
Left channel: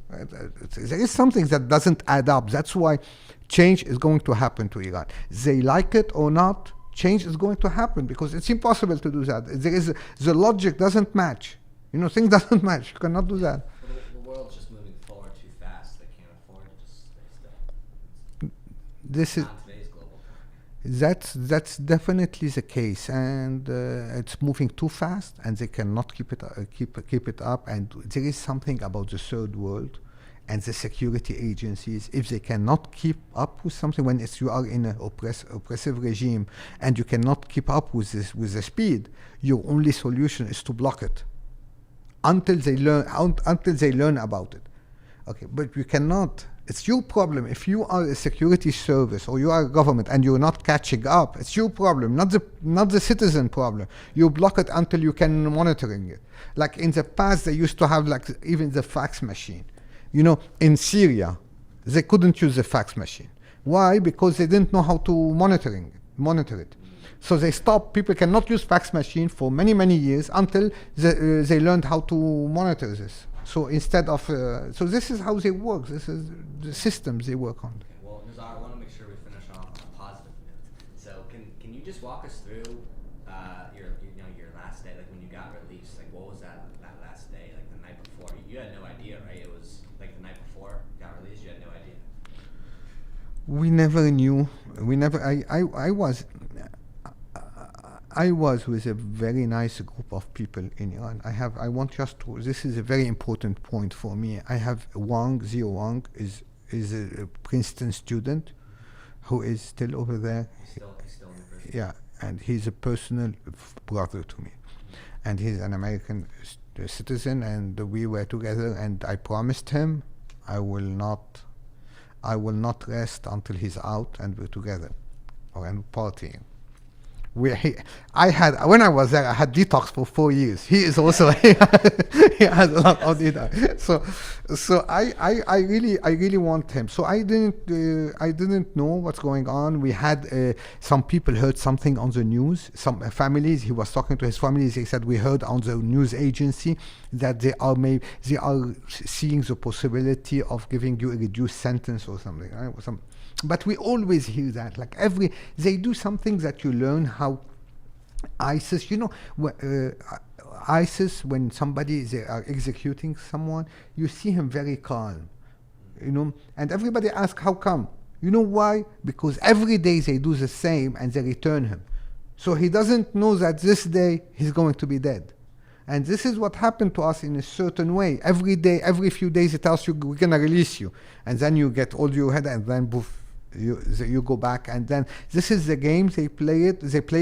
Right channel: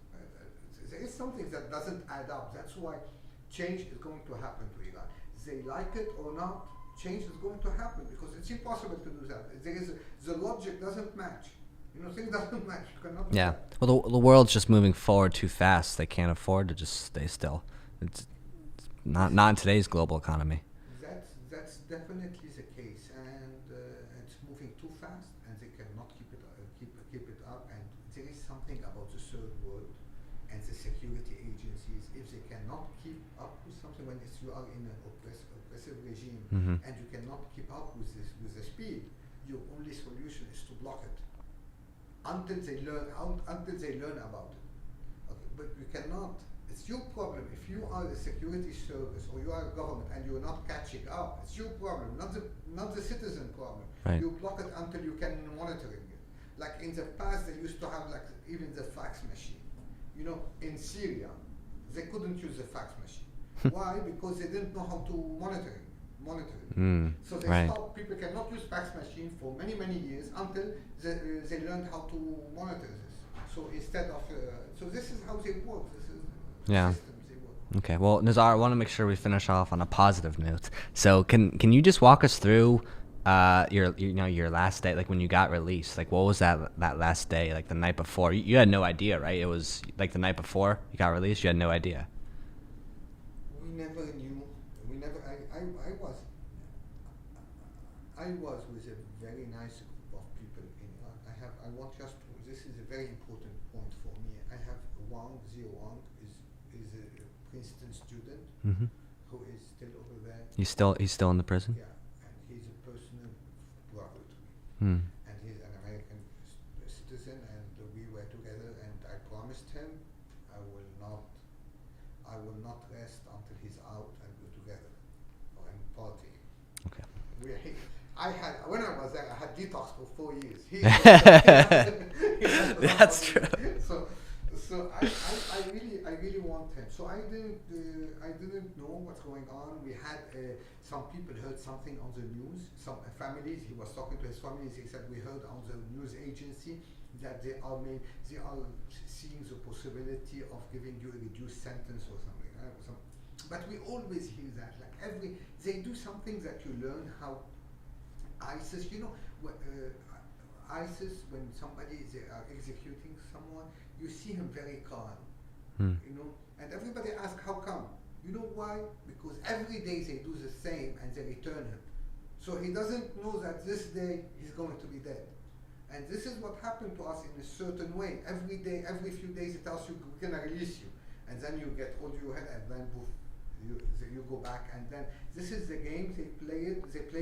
There is something that doesn't add up. That's why change is going to happen to Iran. They like it or not, change is going to happen, because it's impossible to do that. The logic doesn't match. Things doesn't match. You cannot do that. Well, the world's just moving forward too fast. They can't afford to just stay still. It's not in today's global economy. That's definitely the case, and it's moving too fast, and they cannot keep it up. And there is something about the third world and the security agencies. If they cannot keep up with something, when you are in an oppressive regime, and you cannot keep up with the speed, your only solution is to block it until they learn about it. Okay, but you cannot. It's your problem. If you are a security service or you are a government and you're not catching up, it's your problem, not the citizen problem. Right. You block it until you can monitoring it. Like in the past, they used to have even the fax machine. In Syria, they couldn't use the fax machine. Why? Because they didn't know how to monitor it. So they stopped. People cannot use fax machine for many, many years until they learned how to monitor this. So instead of, so this is how they work. This is the systems they work on. Okay. Well, Nizar, I want to make sure we finish off on a positive note. So can you just walk us through your last day, like when you got released? Like, what was that last day, like the night before? You had no idea, right? It was like the night before you got released. You had no idea. We never knew. I was with a very nice group of people in Iran. This is a very important point for me. I have Zio Wang is a Princeton student who is still over there. He's still in the prison? Yeah, and he's a personal brother to me. And he's an American citizen, and we were together, and I promised him I will not rest until he's out and we're together and partying. When I was there, I had detox for 4 years. He is also he had a lot of detox. So I really want him. So I didn't know what's going on. We had some people heard something on the news. Some families. He was talking to his families. He said, we heard on the news agency that they are seeing the possibility of giving you a reduced sentence or something. Right? But we always hear that. They do something that you learn how ISIS, ISIS, when they are executing someone, you see him very calm, and everybody asks, how come? You know why? Because every day they do the same and they return him. So he doesn't know that this day he's going to be dead. And this is what happened to us in a certain way. Every day, every few days, it tells you, we're going to release you. And then you get all your head, and then poof, you go back. And then this is the game. They play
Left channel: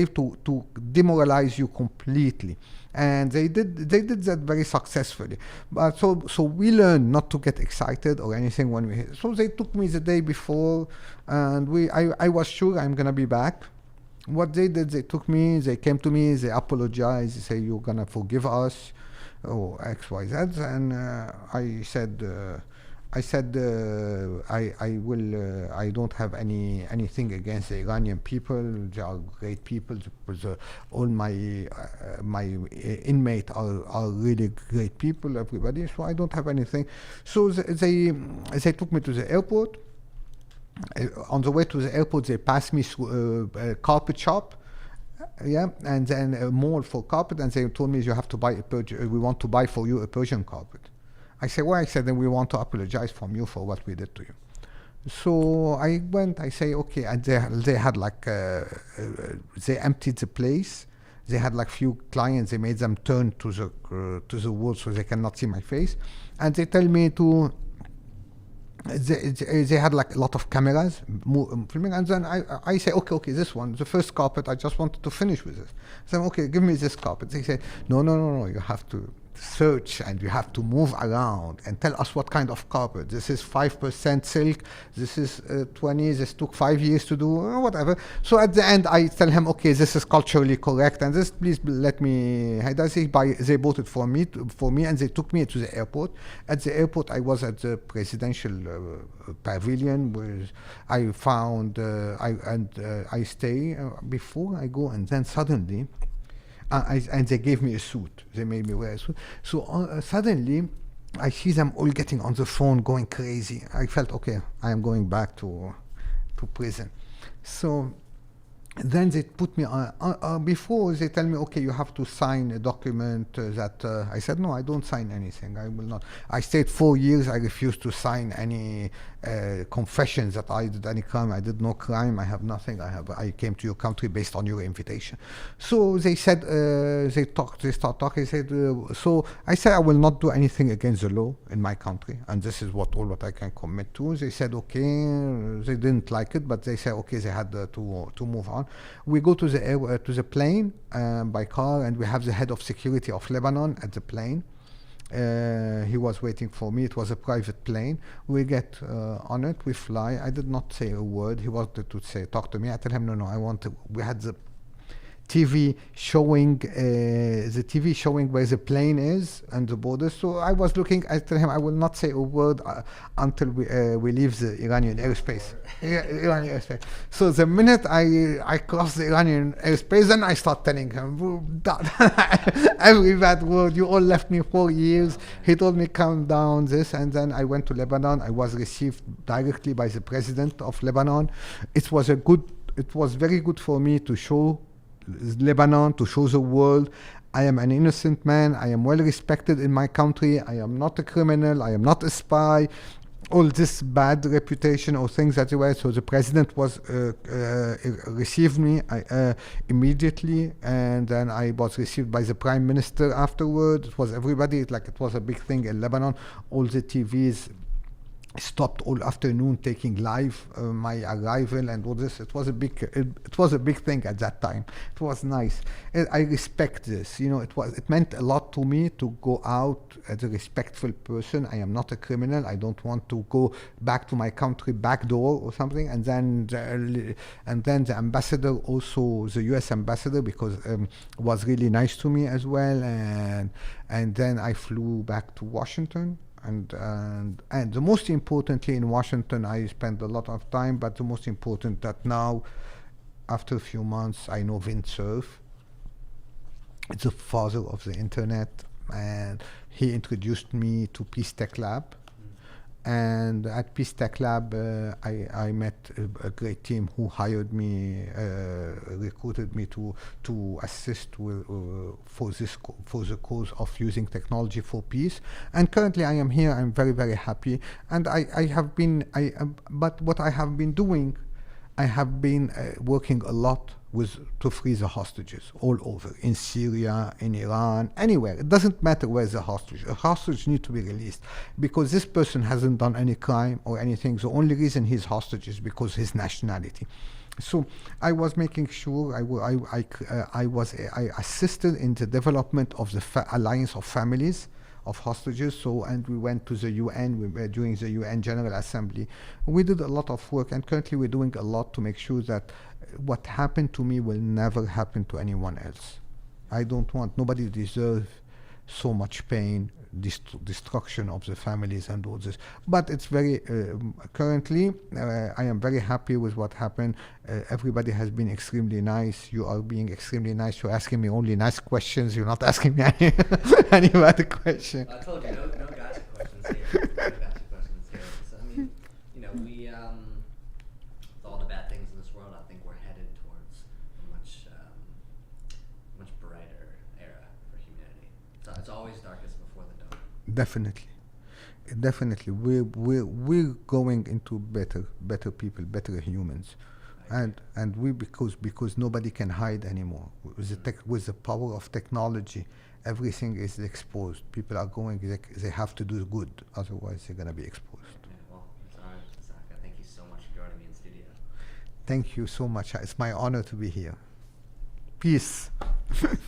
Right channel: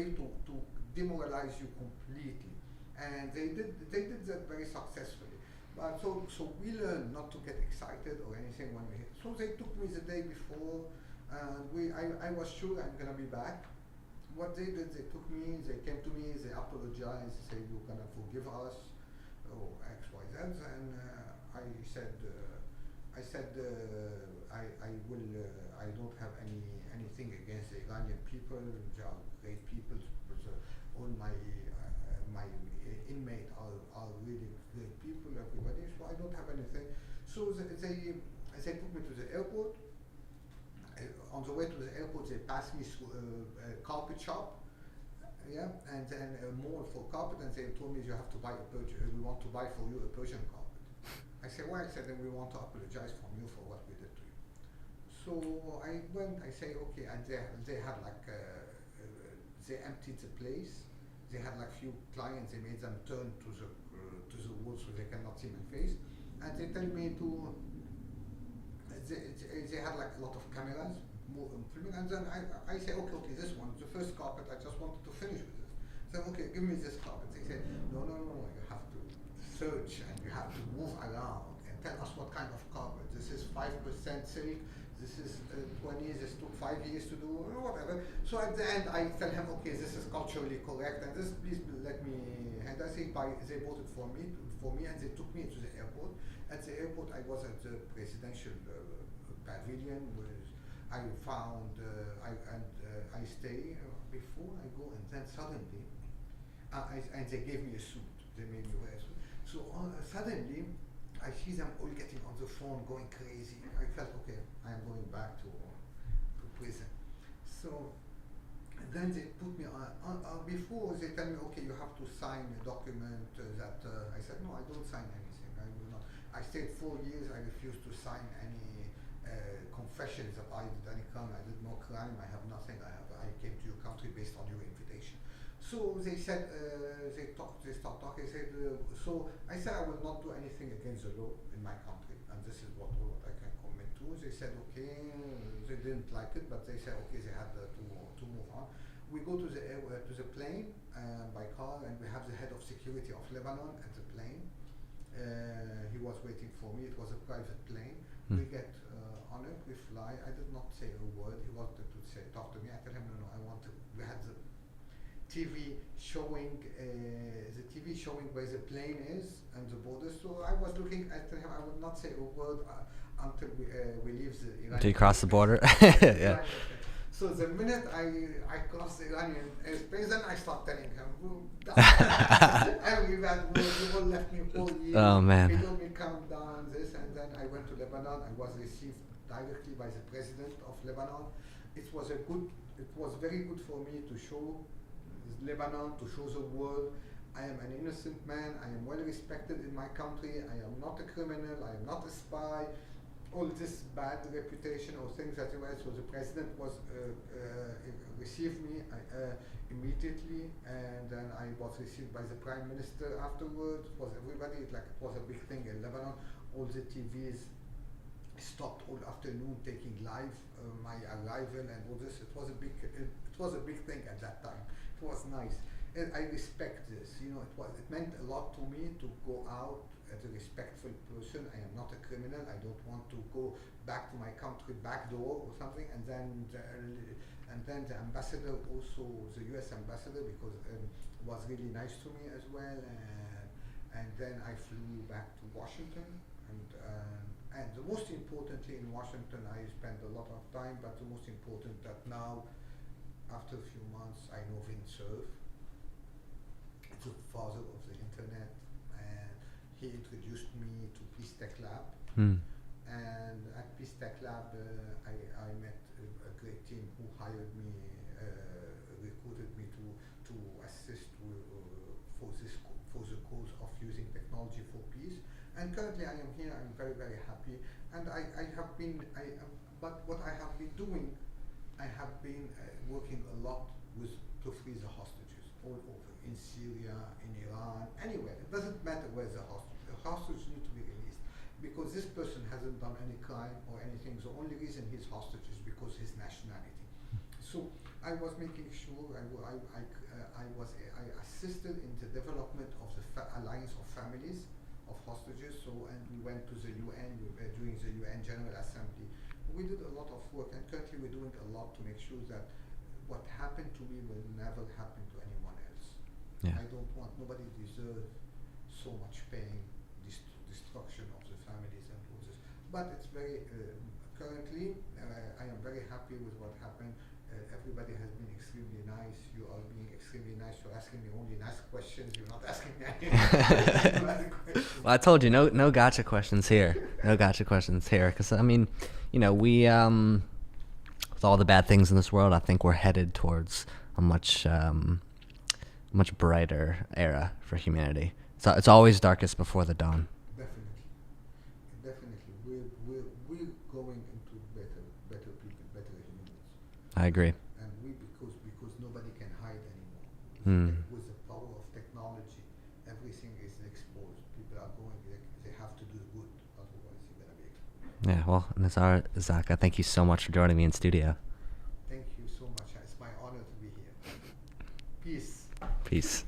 to demoralize you completely. And they did that very successfully. But so we learned not to get excited or anything when we hit. So they took me the day before, and I was sure I'm going to be back. What they did, they came to me, they apologized, they say, you're going to forgive us, or X, Y, Z. And I said, I will. I don't have anything against the Iranian people. They are great people. All my inmates are really great people. Everybody. So I don't have anything. So they took me to the airport. On the way to the airport, they passed me through a carpet shop. And then a mall for carpet, and they told me, you have to buy we want to buy for you a Persian carpet. I said, why? I said, then we want to apologize from you for what we did to you. So I went, I say, okay, and they had they emptied the place. They had few clients, they made them turn to the wall so they cannot see my face. And they tell me They had like a lot of cameras filming, and then I say, okay, this one, the first carpet, I just wanted to finish with this. So okay, give me this carpet. They say, no, you have to search and you have to move around and tell us what kind of carpet. This is 5% silk, this is 20, this took 5 years to do, whatever. So at the end I tell him, okay, this is culturally correct, and this, please let me, they bought it for me, and they took me to the airport. At the airport I was at the presidential pavilion, where I found, I stay before I go, and then suddenly, and they gave me a suit. They made me wear a suit. So suddenly, I see them all getting on the phone, going crazy. I felt, okay, I am going back to prison. So then they put me on, before they tell me, okay, you have to sign a document that, I said, no, I don't sign anything. I will not. I stayed 4 years. I refused to sign any confessions that I did any crime. I did no crime. I have nothing. I came to your country based on your invitation. So they said, they start talking. They said, so I said, I will not do anything against the law in my country, and this is all what I can commit to. They said, okay. They didn't like it, but they said, okay, they had to move on. We go to the plane by car, and we have the head of security of Lebanon at the plane. He was waiting for me. It was a private plane. We get on it. We fly. I did not say a word. He wanted to talk to me. I tell him, no, I want to. We had the TV showing where the plane is and the border. So I was looking. I tell him I will not say a word until we leave the Iranian cross airspace. The border. Iranian airspace. So the minute I cross the Iranian airspace, then I start telling him every bad word. You all left me 4 years. Oh, man. He told me calm down, this, and then I went to Lebanon. I was received directly by the president of Lebanon. It was very good for me to show Lebanon, to show the world I am an innocent man. I am well respected in my country. I am not a criminal. I am not a spy. All this bad reputation or things that they were. So the president received me immediately, and then I was received by the prime minister afterward. It was everybody. It was a big thing in Lebanon. All the TVs stopped all afternoon taking live my arrival and all this. It was a big thing at that time. It was nice. I respect this. It meant a lot to me to go out as a respectful person. I am not a criminal. I don't want to go back to my country back door or something. And then the ambassador, also the U.S. ambassador, because was really nice to me as well. And then I flew back to Washington. And the most importantly, in Washington, I spent a lot of time, but the most important that now, after a few months, I know Vint Cerf. It's the father of the internet, and he introduced me to Peace Tech Lab. And at Peace Tech Lab, I met a great team who hired me, recruited me to assist for the cause of using technology for peace. And currently, I am here. I'm very, very happy. And but what I have been doing, I have been working a lot to free the hostages all over, in Syria, in Iran, anywhere. It doesn't matter where the hostage. A hostage needs to be released because this person hasn't done any crime or anything. The only reason he's hostage is because his nationality. So I was making sure I assisted in the development of the alliance of families of hostages. And we went to the UN. We were doing the UN General Assembly. We did a lot of work, and currently we're doing a lot to make sure that what happened to me will never happen to anyone else. Yeah. I don't want, nobody deserves so much pain, destruction of the families and all this. But it's very, currently, I am very happy with what happened. Everybody has been extremely nice. You are being extremely nice. You're asking me only nice questions. You're not asking me any bad questions. Well, I told you, no gotcha questions here. No gotcha questions here. Because, I mean, we... with all the bad things in this world, I think we're headed towards a much brighter era for humanity. So it's always darkest before the dawn. Definitely. We're going into better people, better humans. I agree. And because nobody can hide anymore. With the power of technology, everything is exposed. People are they have to do good, otherwise they're going to be exposed. Yeah, well, Nizar Zakka, thank you so much for joining me in studio. Thank you so much. It's my honor to be here. Peace. Peace.